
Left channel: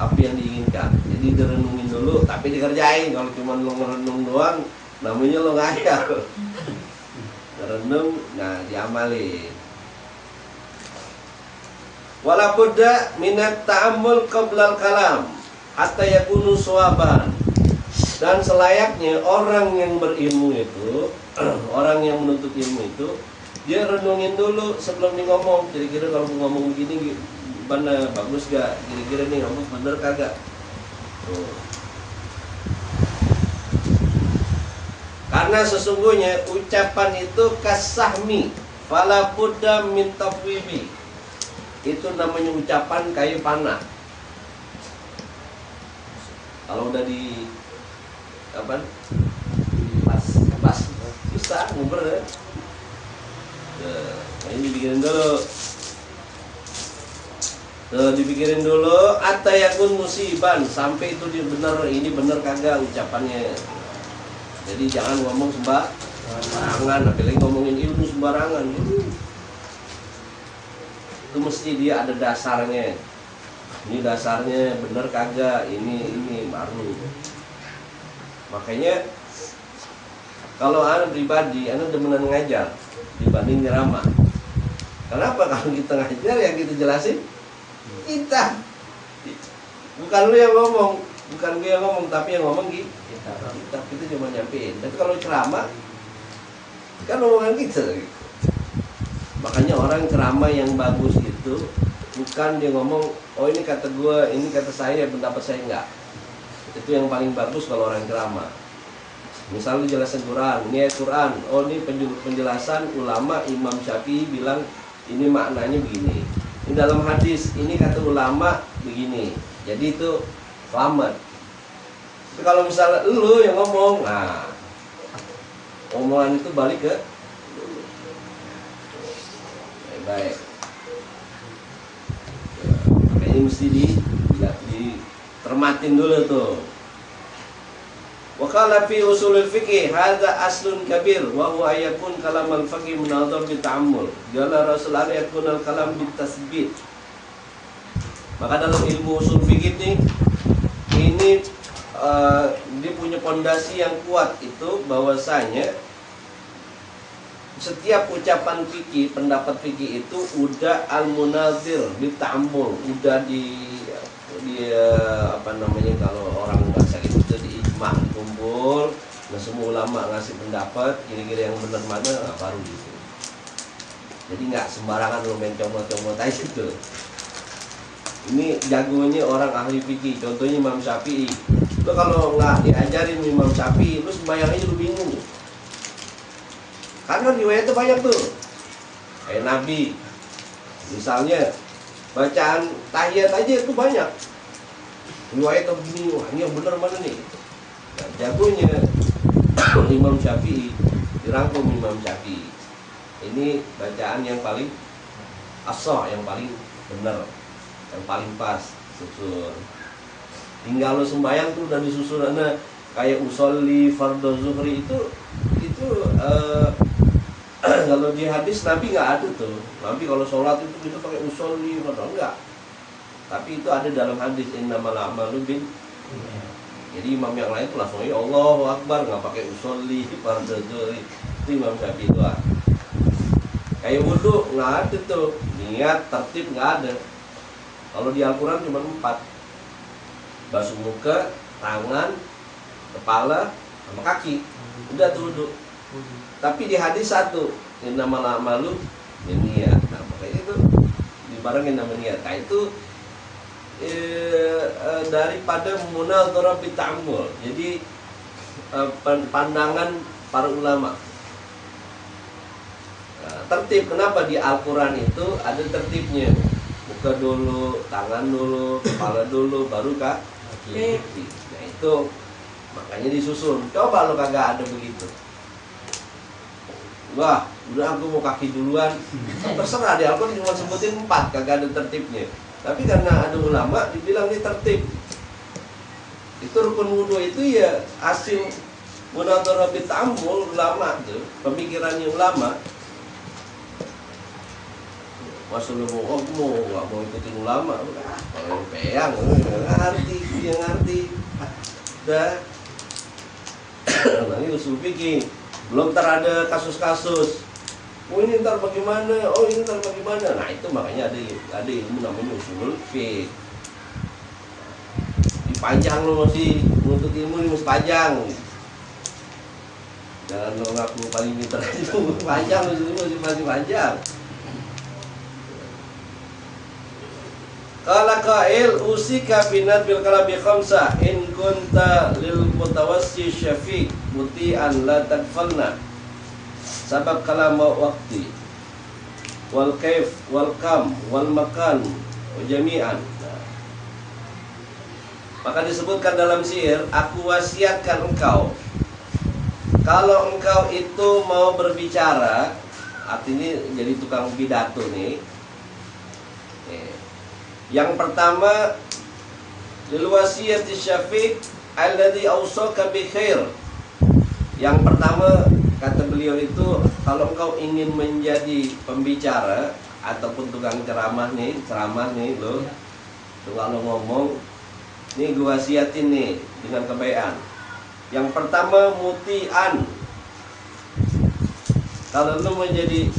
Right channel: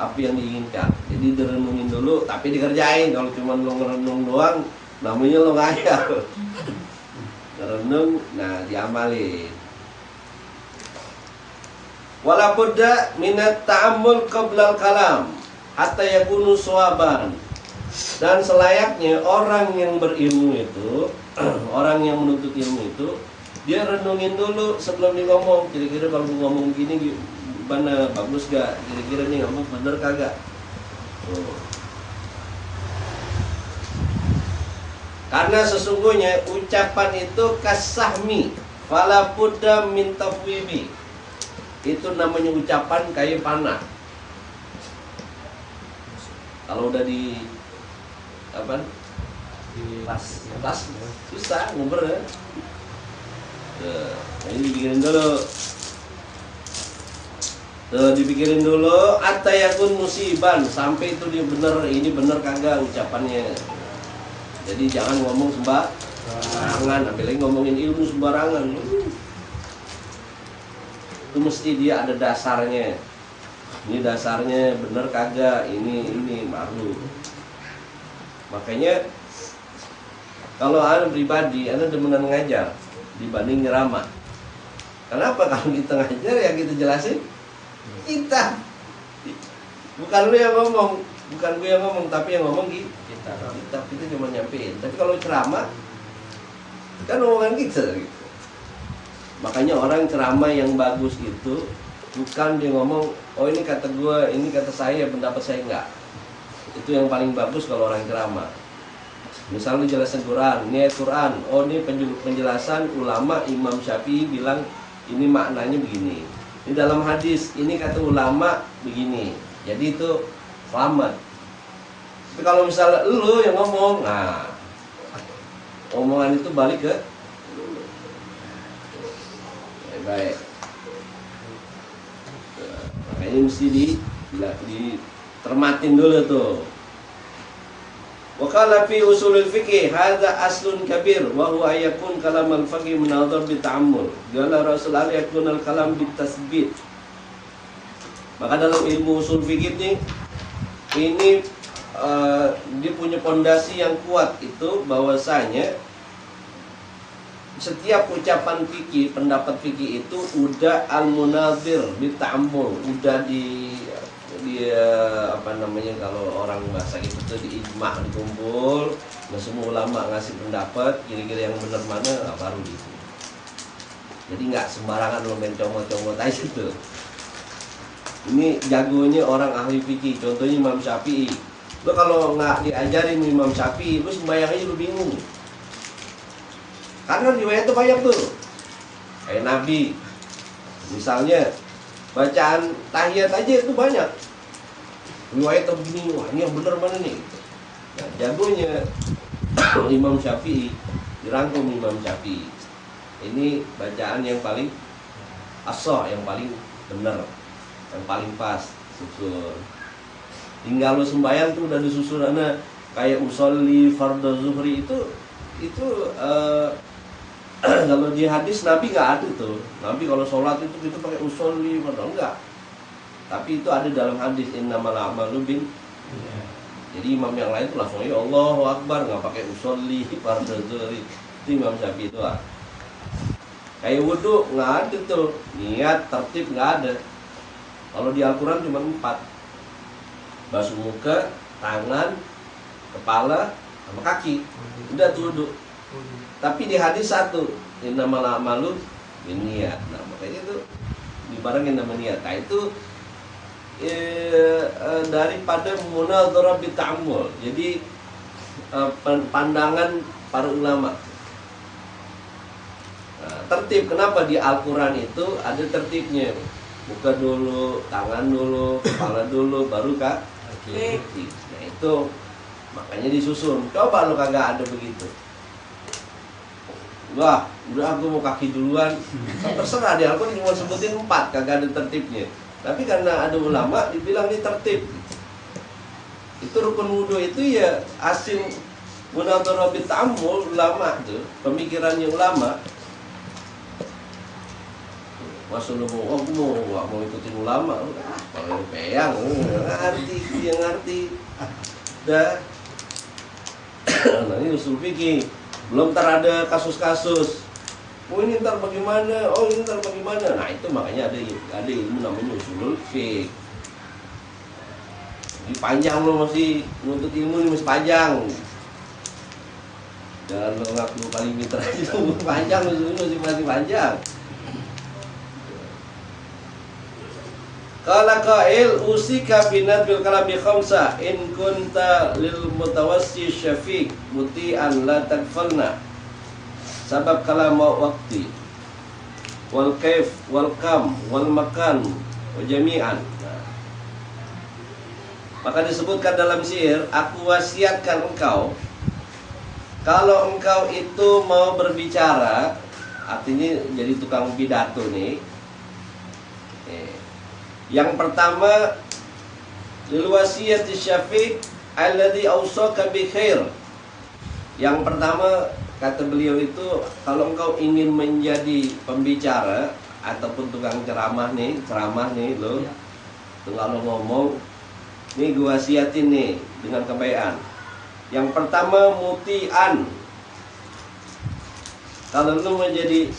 apa yang diinginkan. Jadi direnungin dulu tapi dikerjain. Kalau cuma lo ngerenung doang namanya lo ngayal. Merenung, nah diamalin. Wala budda minat ta'ammul qablal kalam hatta yakunu sawaban. Dan selayaknya orang yang berilmu itu, orang yang menuntut ilmu itu, dia renungin dulu sebelum dia ngomong. Kira-kira kalau ngomong begini gimana, bagus gak? Kira-kira nih ngomong bener kagak? Tuh. Karena sesungguhnya ucapan itu kasahmi fala budda min tafwimi. Itu namanya ucapan kayu panah. Kalau udah di apa? Pas susah nguber ya. Nah, ini dipikirin dulu. Dipikirin dulu atayakun musiban, sampai itu dia bener, ini bener kagak ucapannya. Jadi jangan ngomong sembarangan, apalagi ngomongin ilmu sembarangan. Itu mesti dia ada dasarnya. Ini dasarnya bener kagak, ini baru. Makanya kalau Anda pribadi, Anda demenan ngajar dibanding ceramah. Kenapa? Kalau kita ngajar yang kita jelasin kita. Bukan lu yang ngomong, bukan gue yang ngomong, tapi yang ngomong kita cuma nyampein. Tapi kalau ceramah kan omongan kita gitu. Makanya orang ceramah yang bagus itu bukan dia ngomong, oh ini kata gue, ini kata saya, pendapat saya, enggak. Itu yang paling bagus kalau orang ceramah. Misalnya jelasan Quran, ini ayat Quran, oh ini penjelasan ulama Imam Syafi'i bilang ini maknanya begini. Di dalam hadis ini kata ulama begini. Jadi itu selamat. Tapi kalau misalnya lu yang ngomong, nah omongan itu balik ke baik. Nah, makanya mesti termatin dulu tuh. Wa qala fi usulul fiqh hadza aslun kabir wa huwa ayakun kalam al-faqih munadhar bi ta'ammul. Qala Rasul Allah yakun al-kalam bi tasbit. Maka dalam ilmu usul fikih ini dia punya pondasi yang kuat itu bahwasanya setiap ucapan fikih, pendapat fikih itu udah al-munadhir bi ta'ammul, udah di apa namanya kalau orang bahasa gitu tuh diijma, dikumpul, nah semua ulama ngasih pendapat kira-kira yang benar mana, nah, baru gitu. Jadi nggak sembarangan lo main comot-comot aja gitu. Ini jagonya orang ahli fikih, contohnya Imam Syafi'i. Lo kalau nggak diajarin Imam Syafi'i, lo sembahyang aja lo bingung. Karena riwayatnya banyak tuh, kayak Nabi, misalnya bacaan tahiyat aja itu banyak. Riwayatnya begini, wah ini yang benar mana nih? Nah, jagonya Imam Syafi'i, dirangkum Imam Syafi'i. Ini bacaan yang paling ashah, yang paling benar, yang paling pas, susun. Tinggal lo sembahyang tuh udah disusun, kayak usolli fardhu zuhri itu kalau di hadis Nabi nggak ada tuh. Nabi kalau sholat itu pakai usolli fardhu, enggak. Tapi itu ada dalam hadis innamal a'malu bin. Jadi imam yang lain tuh langsung ya Allahu Akbar, nggak pakai usolli fardhu zuhri. Itu Imam Syafi'i doang. Kayak wudhu nggak ada tuh, niat tertib nggak ada. Kalau di Al-Quran cuma 4, basuh muka, tangan, kepala, sama kaki, udah tuh wudhu. Tapi di hadis 1, innamal a'malu binniyat. Nah makanya itu dibarengin nama niat. Nah itu daripada munadharah bi ta'ammul. Jadi pandangan para ulama. Nah, tertib, kenapa di Al-Quran itu ada tertibnya? Muka dulu, tangan dulu, kepala dulu, baru kaki. Nah itu makanya disusun. Coba lo kagak ada begitu. Wah, udah aku mau kaki duluan. Kan terserah, di Al-Quran cuma sebutin 4, kagak ada tertibnya. Tapi karena ada ulama dibilang ini tertib. Itu rukun wudhu itu ya hasil munadharah bi ta'ammul ulama tuh, pemikirannya ulama. Masa lu mau, aku nggak mau ikutin ulama, kalau peyang, ngerti, dia ngerti. Dah, nah ini usul fikih, belum ada kasus-kasus. Oh ini ntar bagaimana, oh ini ntar bagaimana. Nah itu makanya ada ilmu namanya usulul fiqh. Dipanjang lo masih nuntut ilmu ini masih panjang. Jangan lo ngaku paling pintar aja tuh, panjang masih panjang. Qala qail usika binat bil kalami khamsa in kunta lil mutawassi syafiq muti'an la tagfalna. Sabab kalam waqti wal kaif wal kam wal makan wa jami'an. Nah, maka disebutkan dalam syair, aku wasiatkan engkau kalau engkau itu mau berbicara, artinya jadi tukang pidato nih. Yang pertama, lil wasiyati syafiq alladhi awsaka bi khair. Yang pertama kata beliau itu, kalau engkau ingin menjadi pembicara ataupun tukang ceramah nih lo, tuh kalau ngomong, nih gua wasiatin nih dengan kebaikan. Yang pertama mutian. Kalau lu menjadi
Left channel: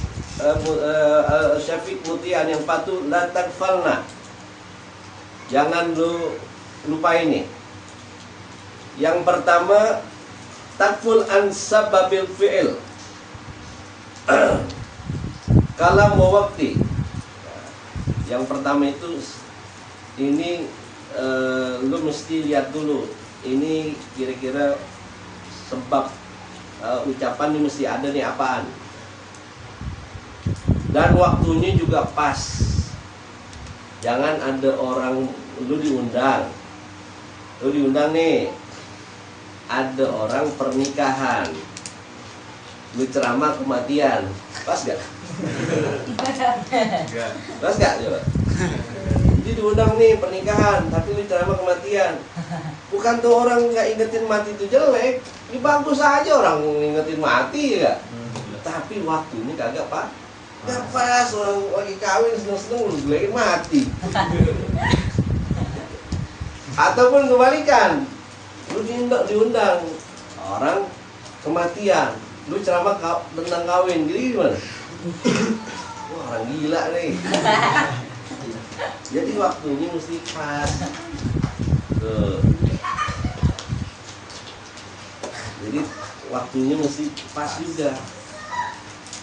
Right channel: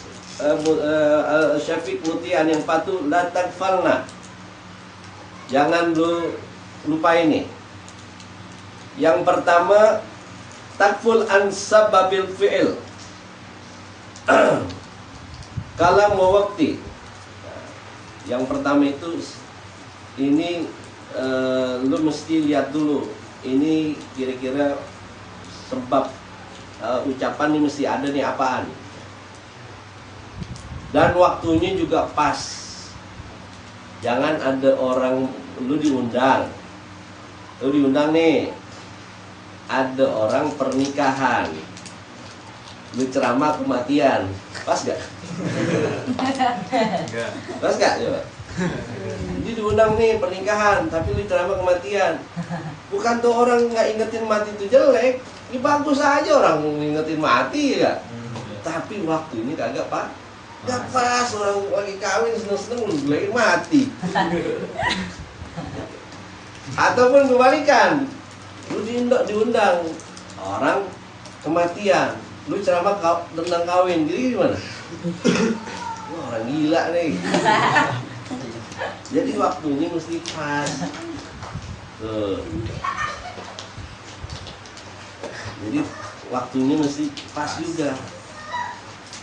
syafiq mutian yang patuh, la tagfalna. Jangan lu lupa ini. Yang pertama takful an sababil fi'il. Kalam wa waqti. Yang pertama itu ini lu mesti lihat dulu ini kira-kira sebab ucapan ini mesti ada nih apaan. Dan waktunya juga pas. Jangan ada orang, lu diundang nih, ada orang pernikahan, lu ceramah kematian, pas gak? Pas gak coba? Jadi diundang nih pernikahan, tapi lu ceramah kematian. Bukan tuh orang nggak ingetin mati itu jelek, ini bagus aja orang ingetin mati ya. Tapi waktunya kagak pak. Gak pas, orang lagi kawin seneng-seneng lu gelekin mati. Ataupun kebalikan, lu diundang orang kematian, lu ceramah tentang kawin, jadi gimana? Wah, orang gila nih. Jadi waktunya mesti pas. Tuh. Jadi waktunya mesti pas juga.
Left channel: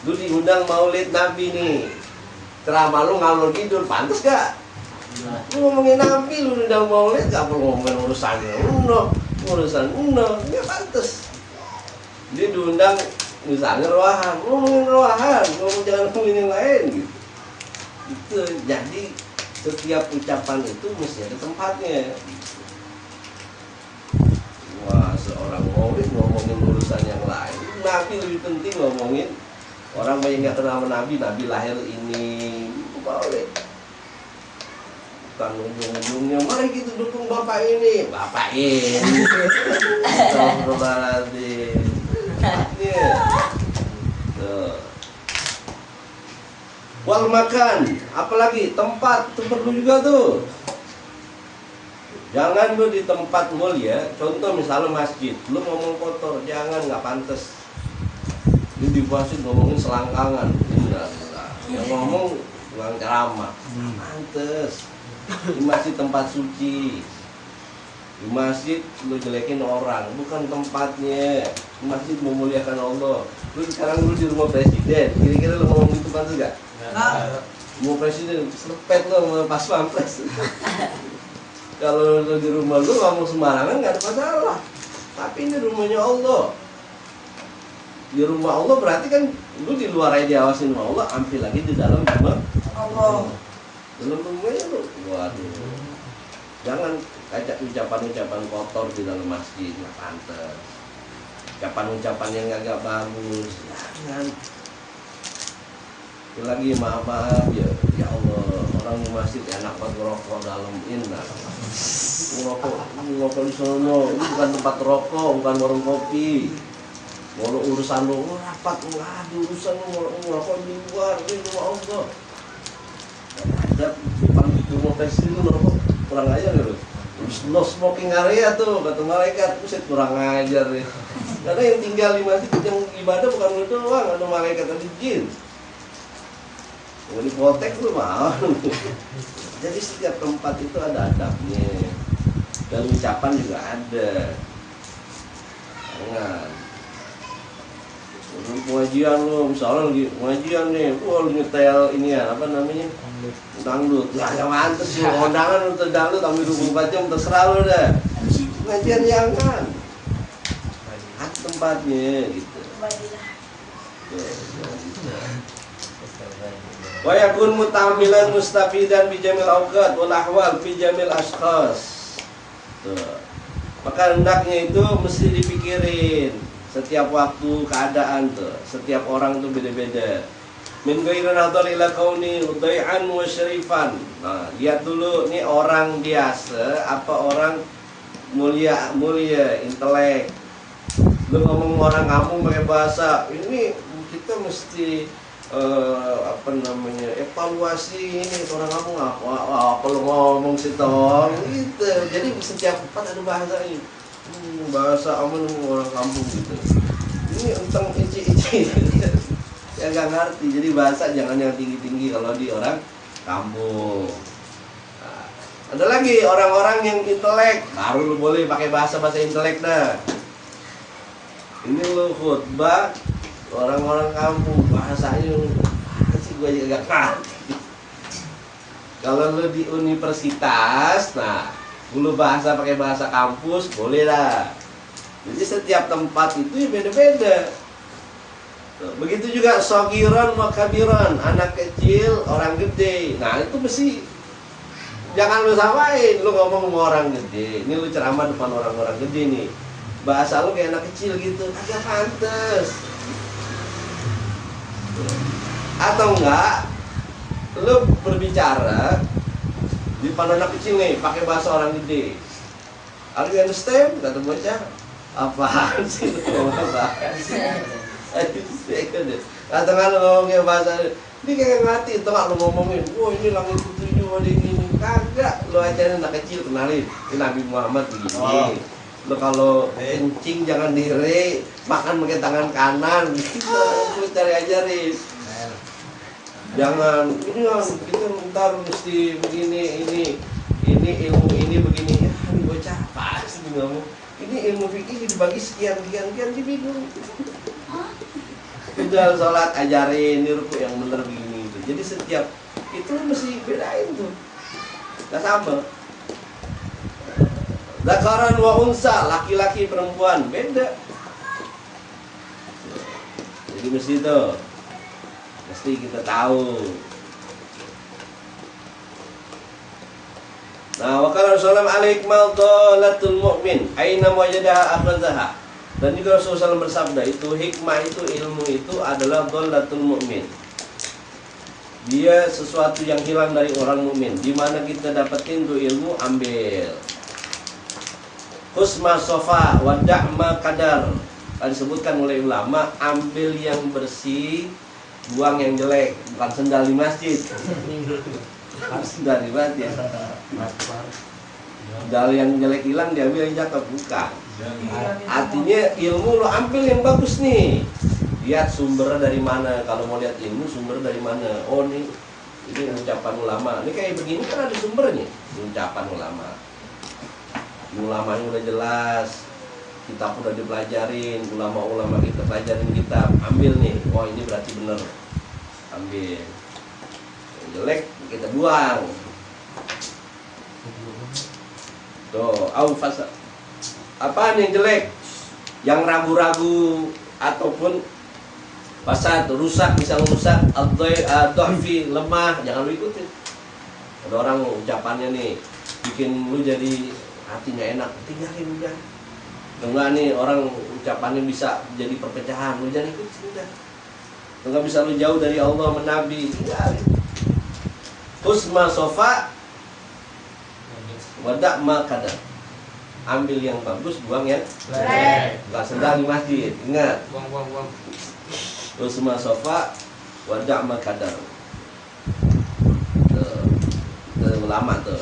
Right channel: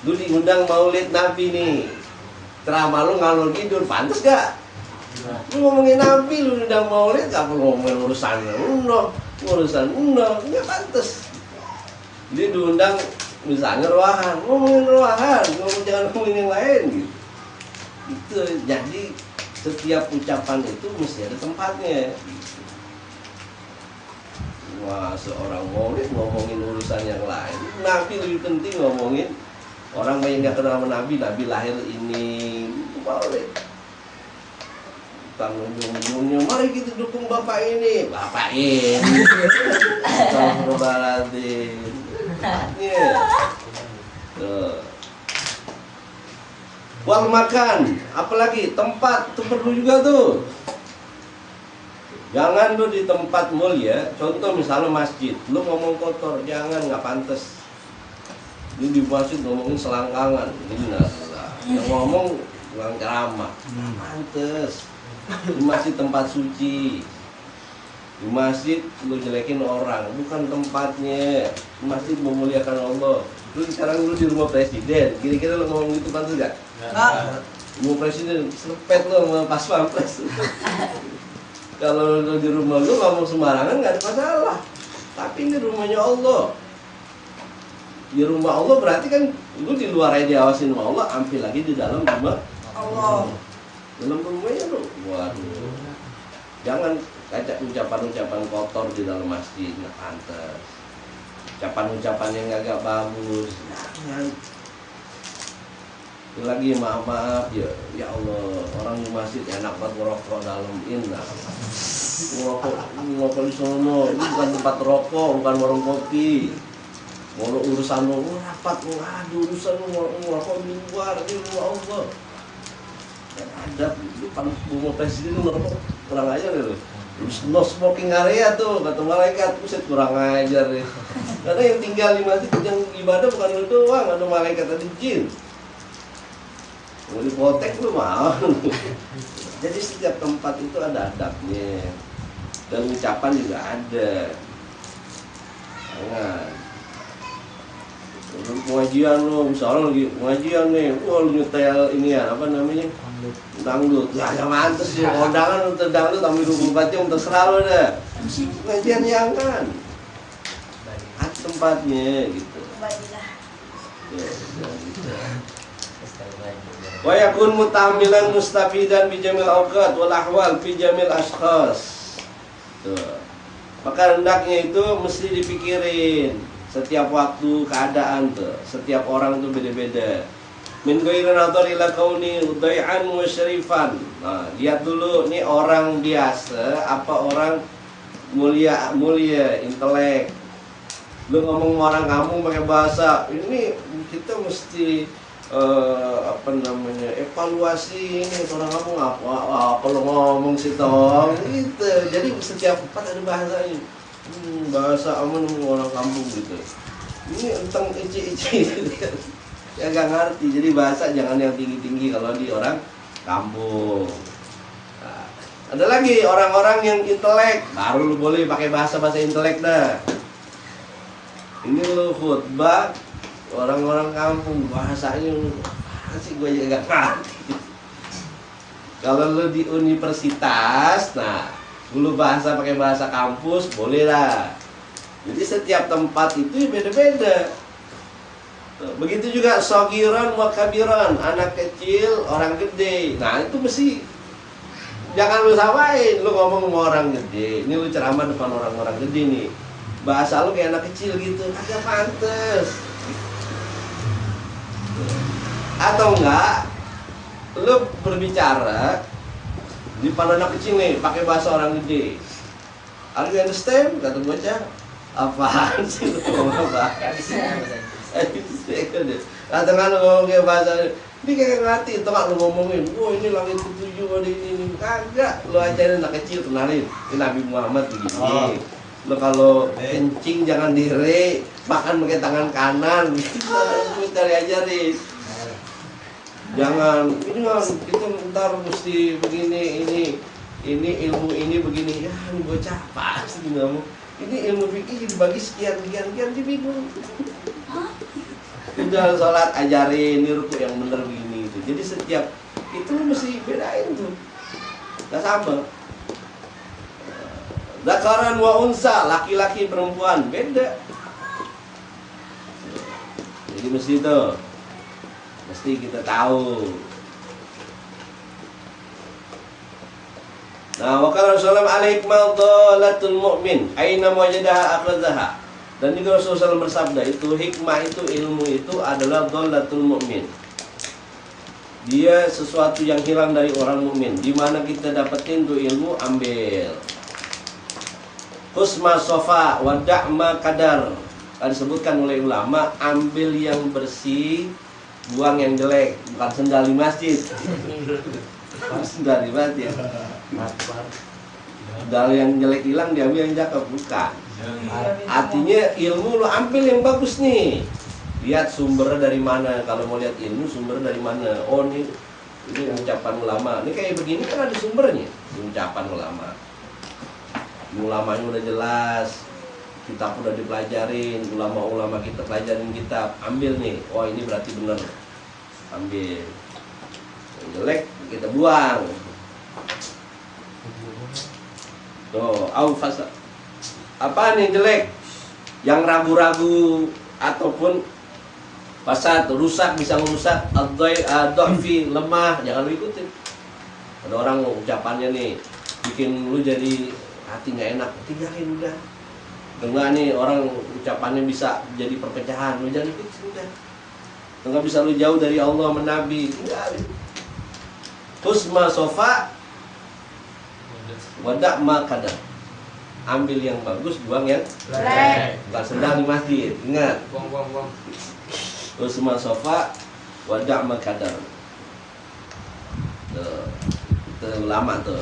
Lu diundang maulid Nabi nih, ceramah lu ngalor ngidul, pantas gak? Lu ngomongin Nabi, lu udah maulid, gak perlu ngomongin urusan nggak pantas. Dia diundang misalnya ruahan, ngomongin ruahan, jangan ngomongin yang lain gitu. Itu jadi setiap ucapan itu mesti ada tempatnya. Wah, seorang maulid ngomongin urusan yang lain, Nabi lebih penting ngomongin. Orang banyak nggak kenal sama Nabi lahir ini, maulid. Bukan ujung-ujungnya, mari kita dukung bapak ini. Astagfirullahaladzim. Wal makan, apalagi tempat itu perlu juga tuh. Jangan lu di tempat mulia, contoh misalnya masjid, lu ngomong kotor, jangan, nggak pantas. Lu di masjid ngomongin selangkangan, innalillah. Yang ngomong bukan ceramah, nggak pantas. Di masjid tempat suci, di masjid lu jelekin orang, bukan tempatnya. Di masjid memuliakan Allah. Lu sekarang lu di rumah presiden, kira-kira lu ngomong gitu pantas gak? Rumah presiden, selepet lu sama pas pampres. Kalau lu di rumah lu ngomong sembarangan nggak ada masalah. Tapi ini rumahnya Allah. Di rumah Allah berarti kan lu di luar aja diawasin sama Allah, ambil lagi di dalam rumah Allah. Dalam rumahnya lu, waduh. Jangan kaca ucapan-ucapan kotor di dalam masjid, nggak pantas. Ucapan-ucapan yang agak bagus, jangan. Lagi maaf ya Allah, orang di masjid enak banget ngerokok dalam indah. Ngerokok di sono, ini bukan tempat rokok, bukan warung kopi. Mau urusan lo rapat, ngadu urusan lo ngerokok di luar, di rumah Allah. Dan ada depan rumah presiden ngerokok, kurang ajar gitu. No smoking area tuh kata malaikat, buset kurang ajar ya. Karena yang tinggal di masjid yang ibadah bukan lu doang, ada malaikat, ada jin. Mau dipotek lu mau. Jadi setiap tempat itu ada adabnya. Dan ucapan juga ada. Jangan. Pengajian lu, misalnya lagi pengajian nih, wah lu nyetel ini ya, apa namanya? Dangdut. Ya gak mantes lu, kondangan untuk dangdut sampai 24 jam terserah lu dah. Pengajian jangan. Ada tempatnya gitu. Tuh, jangan gitu. Wa yakun mutamilan mustafidan bi jamil awqat wal ahwal fi jamil ashkhas. Tuh. Maka hendaknya itu mesti dipikirin setiap waktu keadaan tuh. Setiap orang tuh beda-beda. Min ghairi nadhar ila kauni udai'an wa syarifan. Nah, lihat dulu nih orang biasa apa orang mulia, intelek. Lu ngomong orang kampung pakai bahasa ini, kita mesti apa namanya, evaluasi ini orang kampung apa lu ngomong sih tong gitu. Jadi setiap tempat ada bahasanya. Bahasa aman orang kampung gitu. Ini enteng ici ya gak ngerti. Jadi bahasa jangan yang tinggi-tinggi kalau di orang kampung. Nah, ada lagi orang-orang yang intelek, baru lu boleh pakai bahasa intelek dah. Ini lu khutbah orang-orang kampung, bahasanya sih gue juga gak ngerti. Kalau lu di universitas, nah dulu bahasa pakai bahasa kampus boleh lah. Jadi setiap tempat itu ya beda-beda. Begitu juga sogiran wa kabiran, anak kecil, orang gede. Nah itu mesti jangan lu samain. Lu ngomong sama orang gede, ini lu ceramah depan orang-orang gede nih, bahasa lu kayak anak kecil gitu, kagak pantes. Atau enggak, lu berbicara di depan anak kecil nih, pakai bahasa orang gede. Are you understand? Kata bocah, apaan sih lu ngomong apa? Atau kan lu ngomongin bahasa ini kayak ngerti, itu kan lu ngomongin, wah ini langit ketujuh ada ini, kagak. Lu ajarin anak kecil, kenalin, ini Nabi Muhammad begini. Lu kalau kencing jangan dire, makan pakai tangan kanan, gitu. Lu cari ajarin. Jangan, ini kan kita ntar mesti begini, ini ilmu ini begini. Ya, ini bocah apa sih ngomong? Ini ilmu fikih dibagi sekian, dia bingung. Udah sholat ajarin, ini ruku yang bener begini itu. Jadi setiap itu mesti bedain tuh, nggak sama. Zakaran wa unsa, laki-laki perempuan beda. Jadi mesti itu, mesti kita tahu. Nah, wa qala Rasulullah alaik mawdalatul mu'min aina wajadaha akhadhaha. Dan juga Rasulullah SAW bersabda, itu hikmah itu, ilmu itu adalah dhalatul mu'min. Dia sesuatu yang hilang dari orang mukmin. Di mana kita dapetin tuh ilmu, ambil. Husma sofa wa da'ma kadar. Disebutkan oleh ulama, ambil yang bersih, buang yang jelek. Bukan sendal di masjid. Sendal di masjid. Sendal yang jelek hilang, diambil yang cakep, bukan. Artinya ilmu lo ambil yang bagus nih. Lihat sumbernya dari mana. Kalau mau lihat ilmu, sumber dari mana. Oh ini ucapan ulama. Ini kayak begini kan ada sumbernya. Ini ucapan ulama. Ulamanya udah jelas, kitab udah dipelajarin, ulama-ulama kita pelajarin kitab. Ambil nih. Oh ini berarti bener. Ambil. Yang jelek kita buang. Tuh, fasa. Apaan yang jelek? Yang ragu-ragu ataupun fasad, rusak, bisa merusak, ad-dha'fi, lemah, jangan lu ikutin. Ada orang ucapannya nih bikin lu jadi hati nggak enak, tinggalin udah. Enggak nih orang ucapannya bisa jadi perpecahan, lu jangan ikutin udah. Enggak bisa lu jauh dari Allah menabi, tinggalin. Husma sofa wadak ma kadar. Ambil yang bagus, buang yang jelek. Bukan sendal di masjid, ingat. Buang. Husma sofa wadak ma kadar. Tuh, ulama tuh.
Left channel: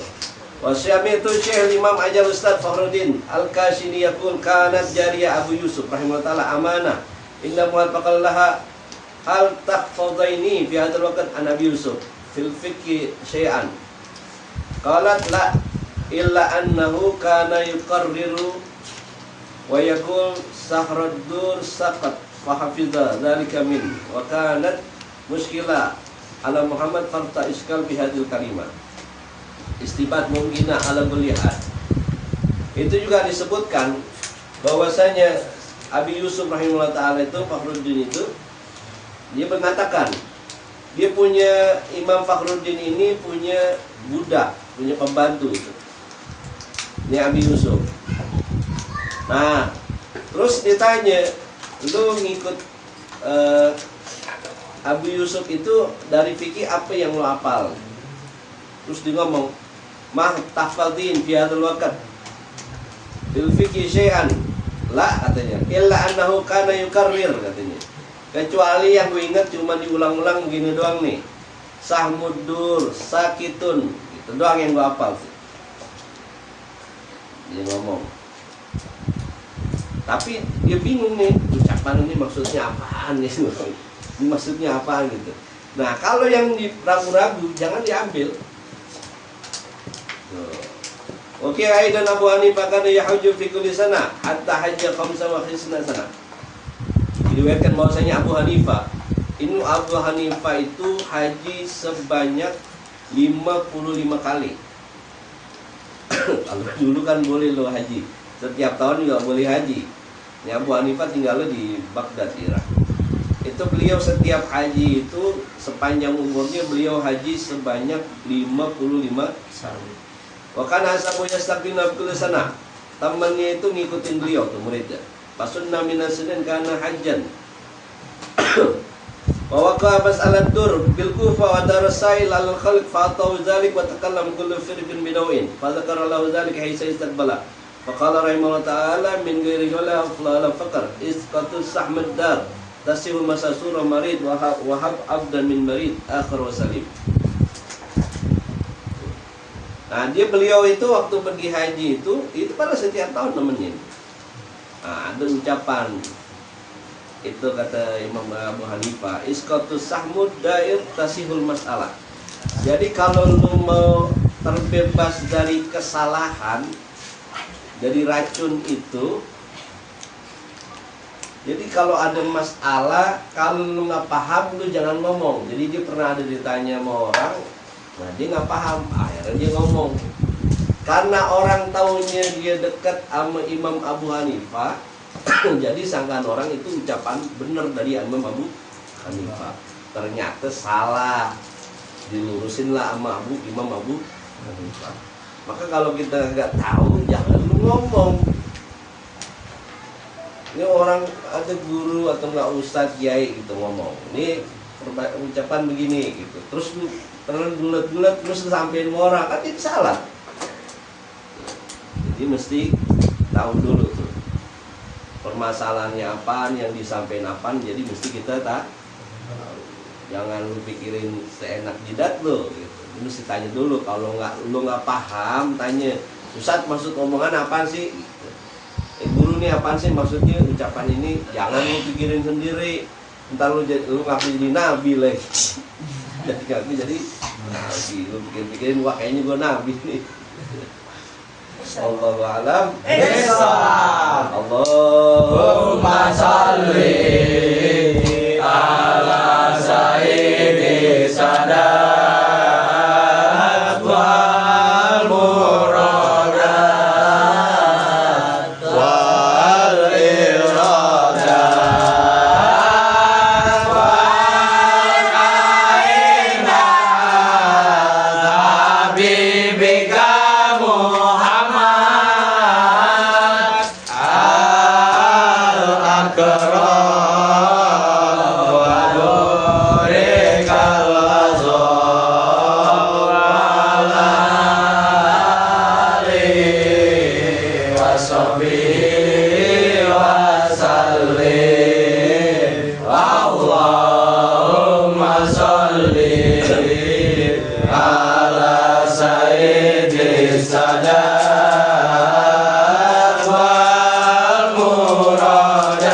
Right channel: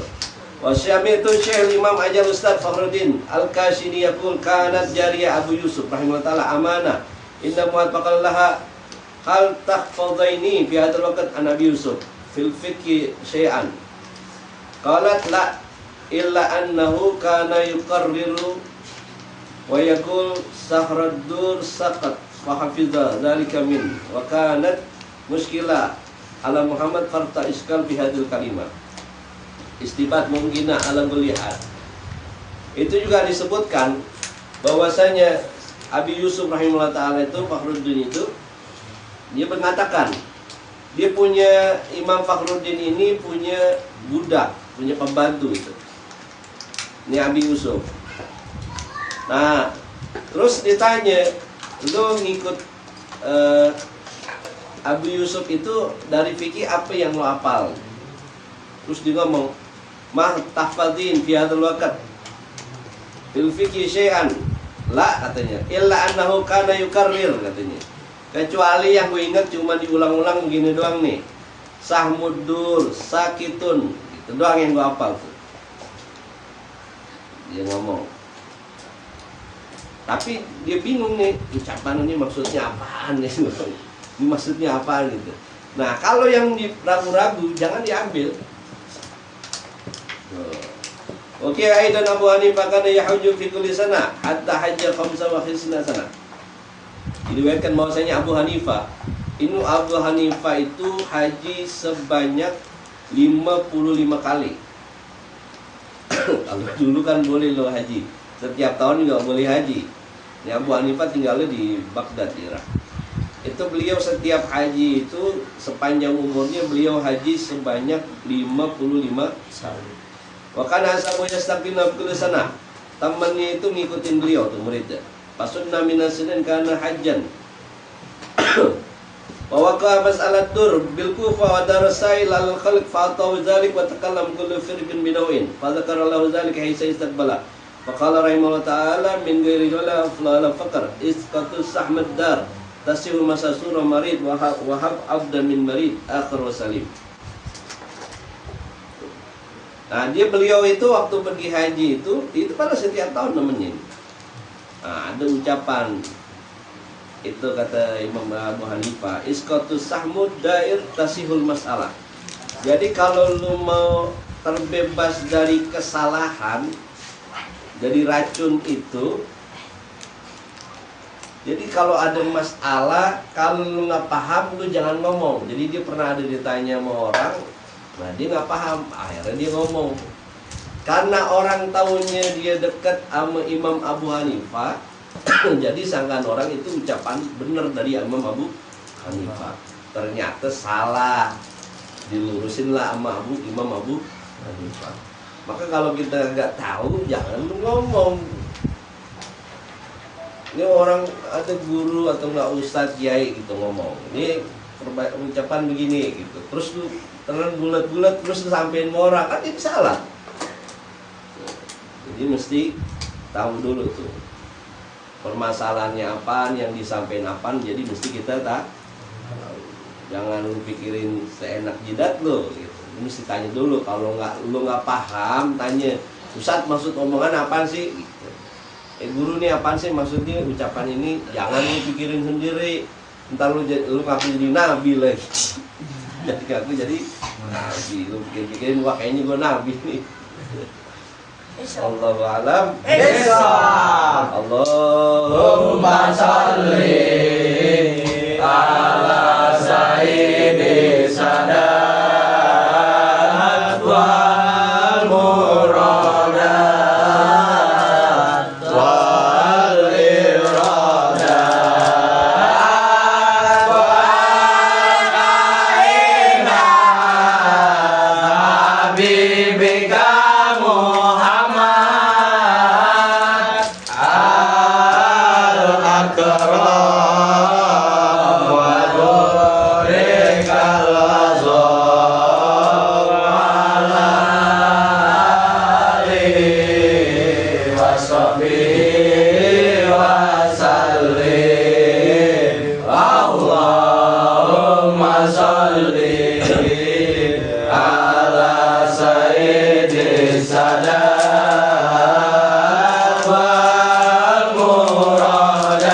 Wasyami itu Syekh Imam Ajar Ustaz Fakhruddin Al-Kashini yaqul kanat jariyah Abu Yusuf rahimahullah ta'ala amanah. Inna muhabbaqal laha hal tahfadhaini fi hadzal waqt an Abi Yusuf fil fiqhi syai'an. Qalat la illa annahu kana yuqarriru wa yaqul sahraddur saqat fa hafiza dzalika min wa kanat muskilah ala Muhammad farta iskal fi hadzal kalimah. Istibat mungkina ala melihat. Itu juga disebutkan bahwasanya Abi Yusuf rahimahullah ta'ala itu, Fakhruddin itu, dia mengatakan dia punya, Imam Fakhruddin ini punya budak, punya pembantu itu. Ini Abi Yusuf. Nah, terus ditanya, lu ngikut Abi Yusuf itu dari fikih apa yang lu hafal? Terus dia ngomong, mah tahfadhin fi hadzal waqt fil fiqhi syai'an. La katanya, illa annahu kana yukarrir katanya. Kecuali yang gue ingat cuma diulang-ulang begini doang nih. Sahmuddur, sakitun, itu doang yang gue hafal tuh. Dia ngomong. Tapi dia bingung nih, ucapan ini maksudnya apaan nih? Ini maksudnya apaan gitu. Nah, kalau yang ragu-ragu jangan diambil. Oke, aidan Abu Hanifah kana yahujju fi kulli sana hatta hajja 25 sana. Diriwayatkan bahwasanya Abu Hanifah itu haji sebanyak 55 kali. Kalau dulu kan boleh lo haji, setiap tahun juga boleh haji. Ini Abu Hanifah tinggalnya di Baghdad, Irak. Itu beliau setiap haji itu sepanjang umurnya beliau haji sebanyak 55 kali. Wa kana ashabu yastaqbiluna kullu sana. Temannya itu ngikutin beliau tuh muridnya. Fasunna minas sinin kana hajjan. Wa waqa mas'alat dur bil Kufa wa darasail al khalq fa ataw dzalik wa takallam kullu firqin binawin. Fa dzakara lahu dzalik haitsa istaqbala. Fa qala rahimahullah ta'ala min ghairi wala afla faqr isqatus sahmad dar. Tasihul masasura marid wahab abdan min marid akhir wasalim. Nah beliau itu waktu pergi haji itu pada setiap tahun nemenin. Nah, ada ucapan itu kata Imam Abu Hanifah, isqatus sahmud dair tasihul masalah. Jadi kalau lu mau terbebas dari kesalahan, dari racun itu, jadi kalau ada masalah, kalau lu nggak paham, lu jangan ngomong. Jadi dia pernah ada ditanya sama orang, nah dia nggak paham, akhirnya dia ngomong. Karena orang taunya dia dekat sama Imam Abu Hanifah, jadi sangkaan orang itu ucapan benar dari Imam Abu Hanifah. Ternyata salah, dilurusin lah sama Imam Abu Hanifah. Maka kalau kita nggak tahu, jangan lu ngomong. Ini orang ada guru atau enggak ustadz kiai gitu ngomong, ini ucapan begini gitu, terus lu terus bulat-bulat terus sampein sama orang, kan itu salah. Jadi mesti tahu dulu tuh permasalahannya apaan, yang disampaikan apaan, jadi mesti kita tahu. Jangan lu pikirin seenak jidat lo gitu. Lu mesti tanya dulu, kalau lu nggak paham tanya, Ustadz maksud omongan apaan sih gitu. Guru nih apaan sih maksudnya ucapan ini, jangan lu pikirin sendiri, ntar lu ngaku jadi nabi lagi. Jadi ngaku jadi nabi, lu pikir-pikirin, wah kayaknya gua nabi nih. Allahu a'lam. Allahumma shalli ala sayyidi sadat wal muradat wal iradat wal kainat habibika Muhammad al-akram wa nurikal azam ala alihi wa sahbihi wa sallim. Allahumma shalli ala sayyidi sadat wal muradat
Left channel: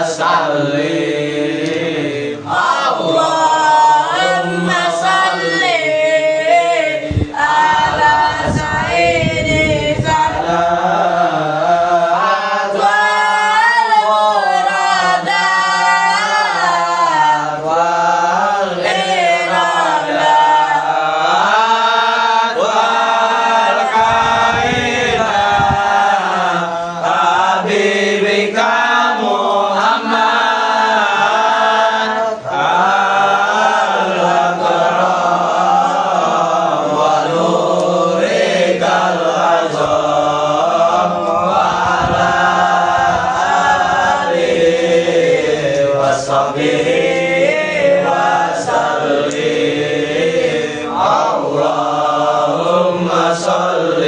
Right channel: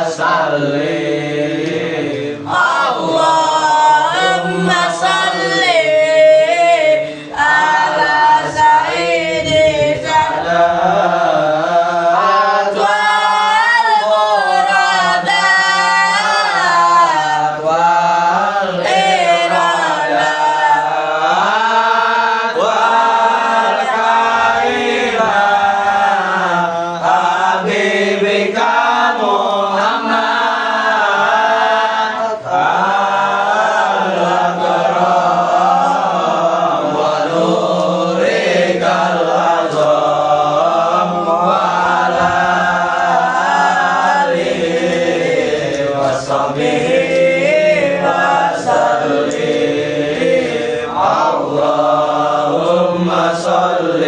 وسلم اللهم صل على سيد السادات والمرادات والإرادات والكائنات حبيبك محمد الأكرم ونورك العظيم وعلى آله وصحبه وسلم اللهم صل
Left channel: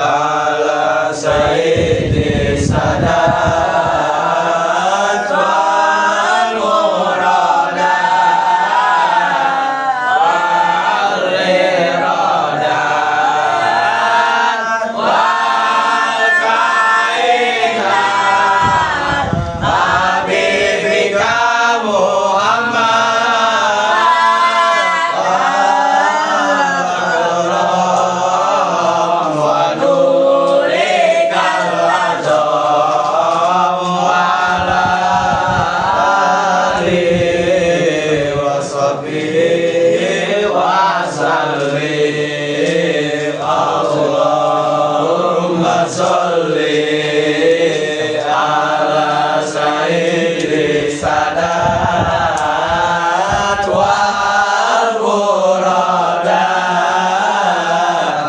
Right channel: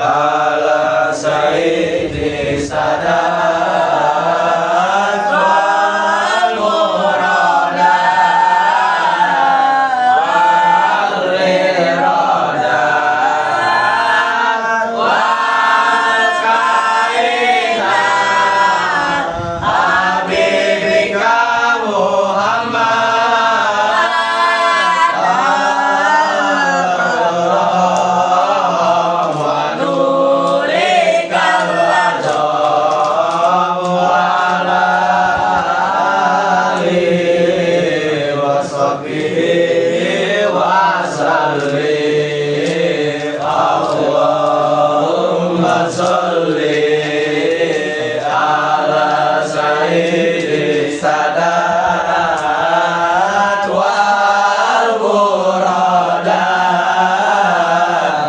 على سيد السادات والمرادات والإرادات والكائنات حبيبك محمد ونورك العظيم وعلى آله وصحبه وسلم اللهم صل على سيد السادات والمرادات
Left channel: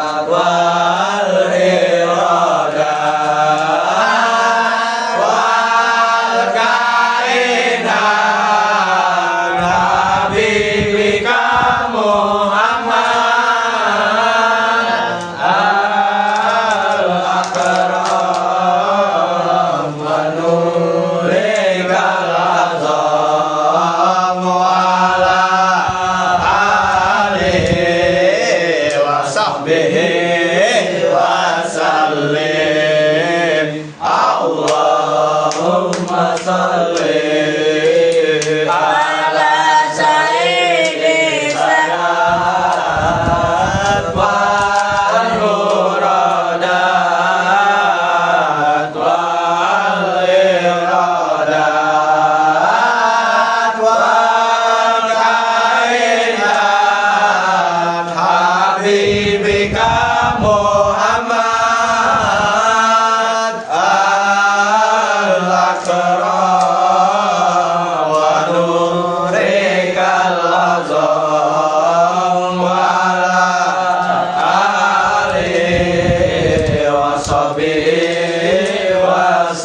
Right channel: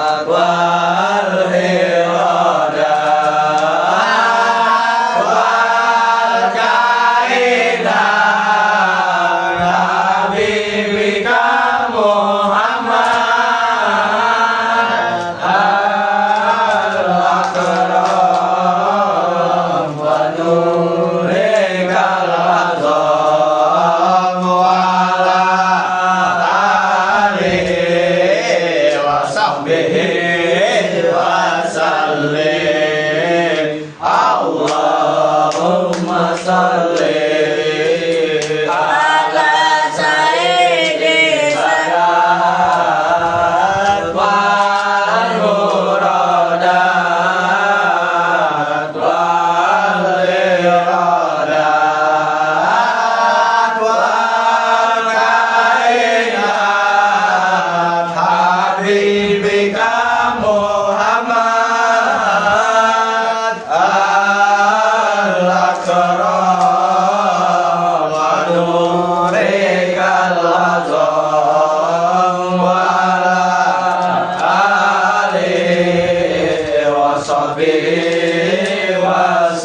والإرادات والكائنات حبيبك محمد الأكرم ونورك العظيم وعلى آله وصحبه وسلم اللهم صل على سيد السادات والمرادات والإرادات والكائنات حبيبك محمد الأكرم ونورك العظيم وعلى آله وصحبه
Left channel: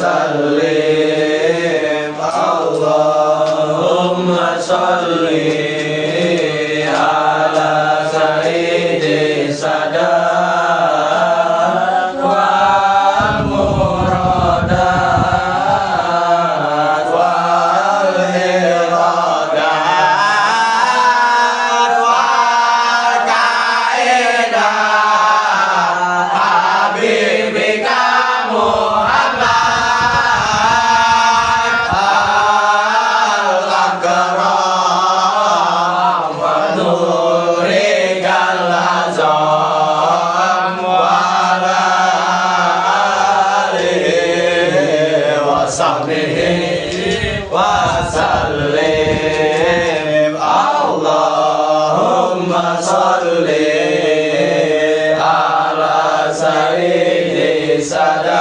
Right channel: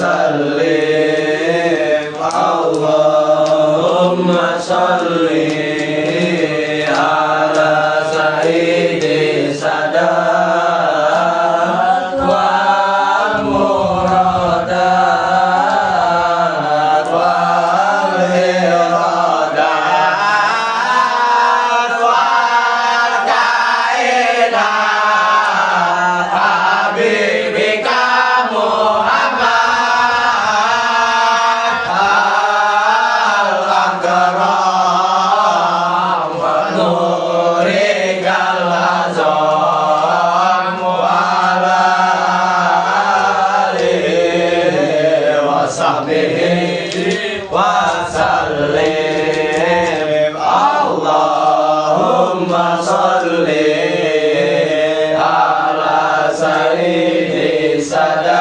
وسلم اللهم صل على سيد السادات والمرادات والإرادات والكائنات حبيبك محمد الأكرم ونورك العظيم وعلى آله وصحبه وسلم اللهم صل على سيد السادات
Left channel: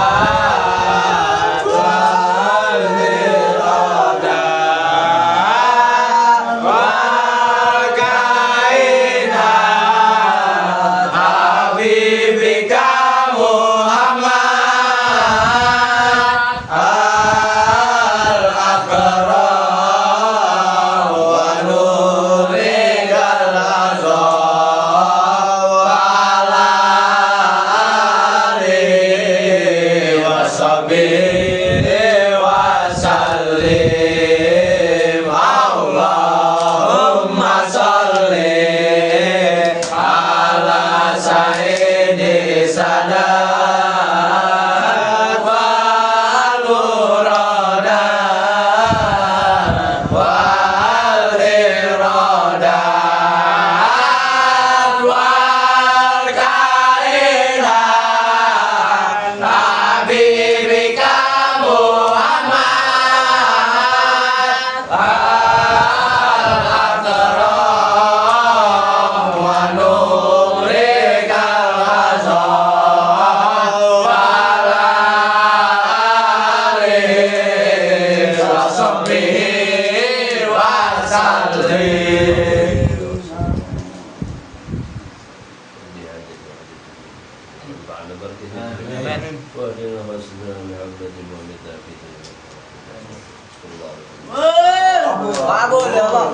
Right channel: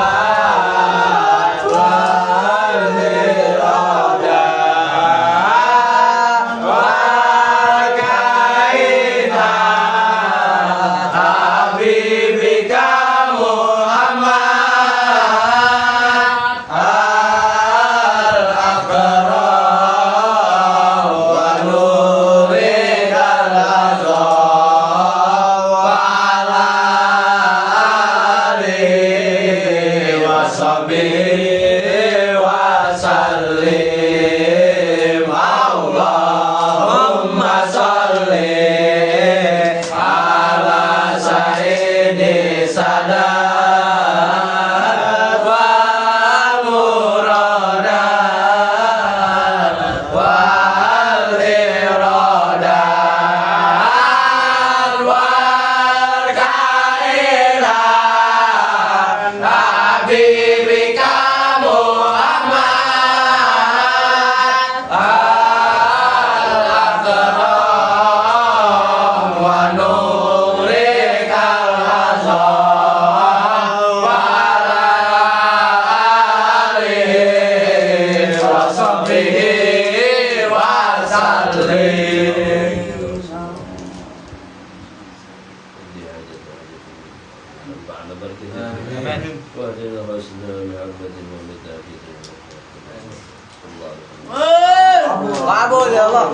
والمرادات والإرادات والكائنات حبيبك محمد وانفعنا بركته آمين. واهدنا واسلنا بحرمة محمد في دنيا صلى الله عليه وسلم Kabul ya Allah.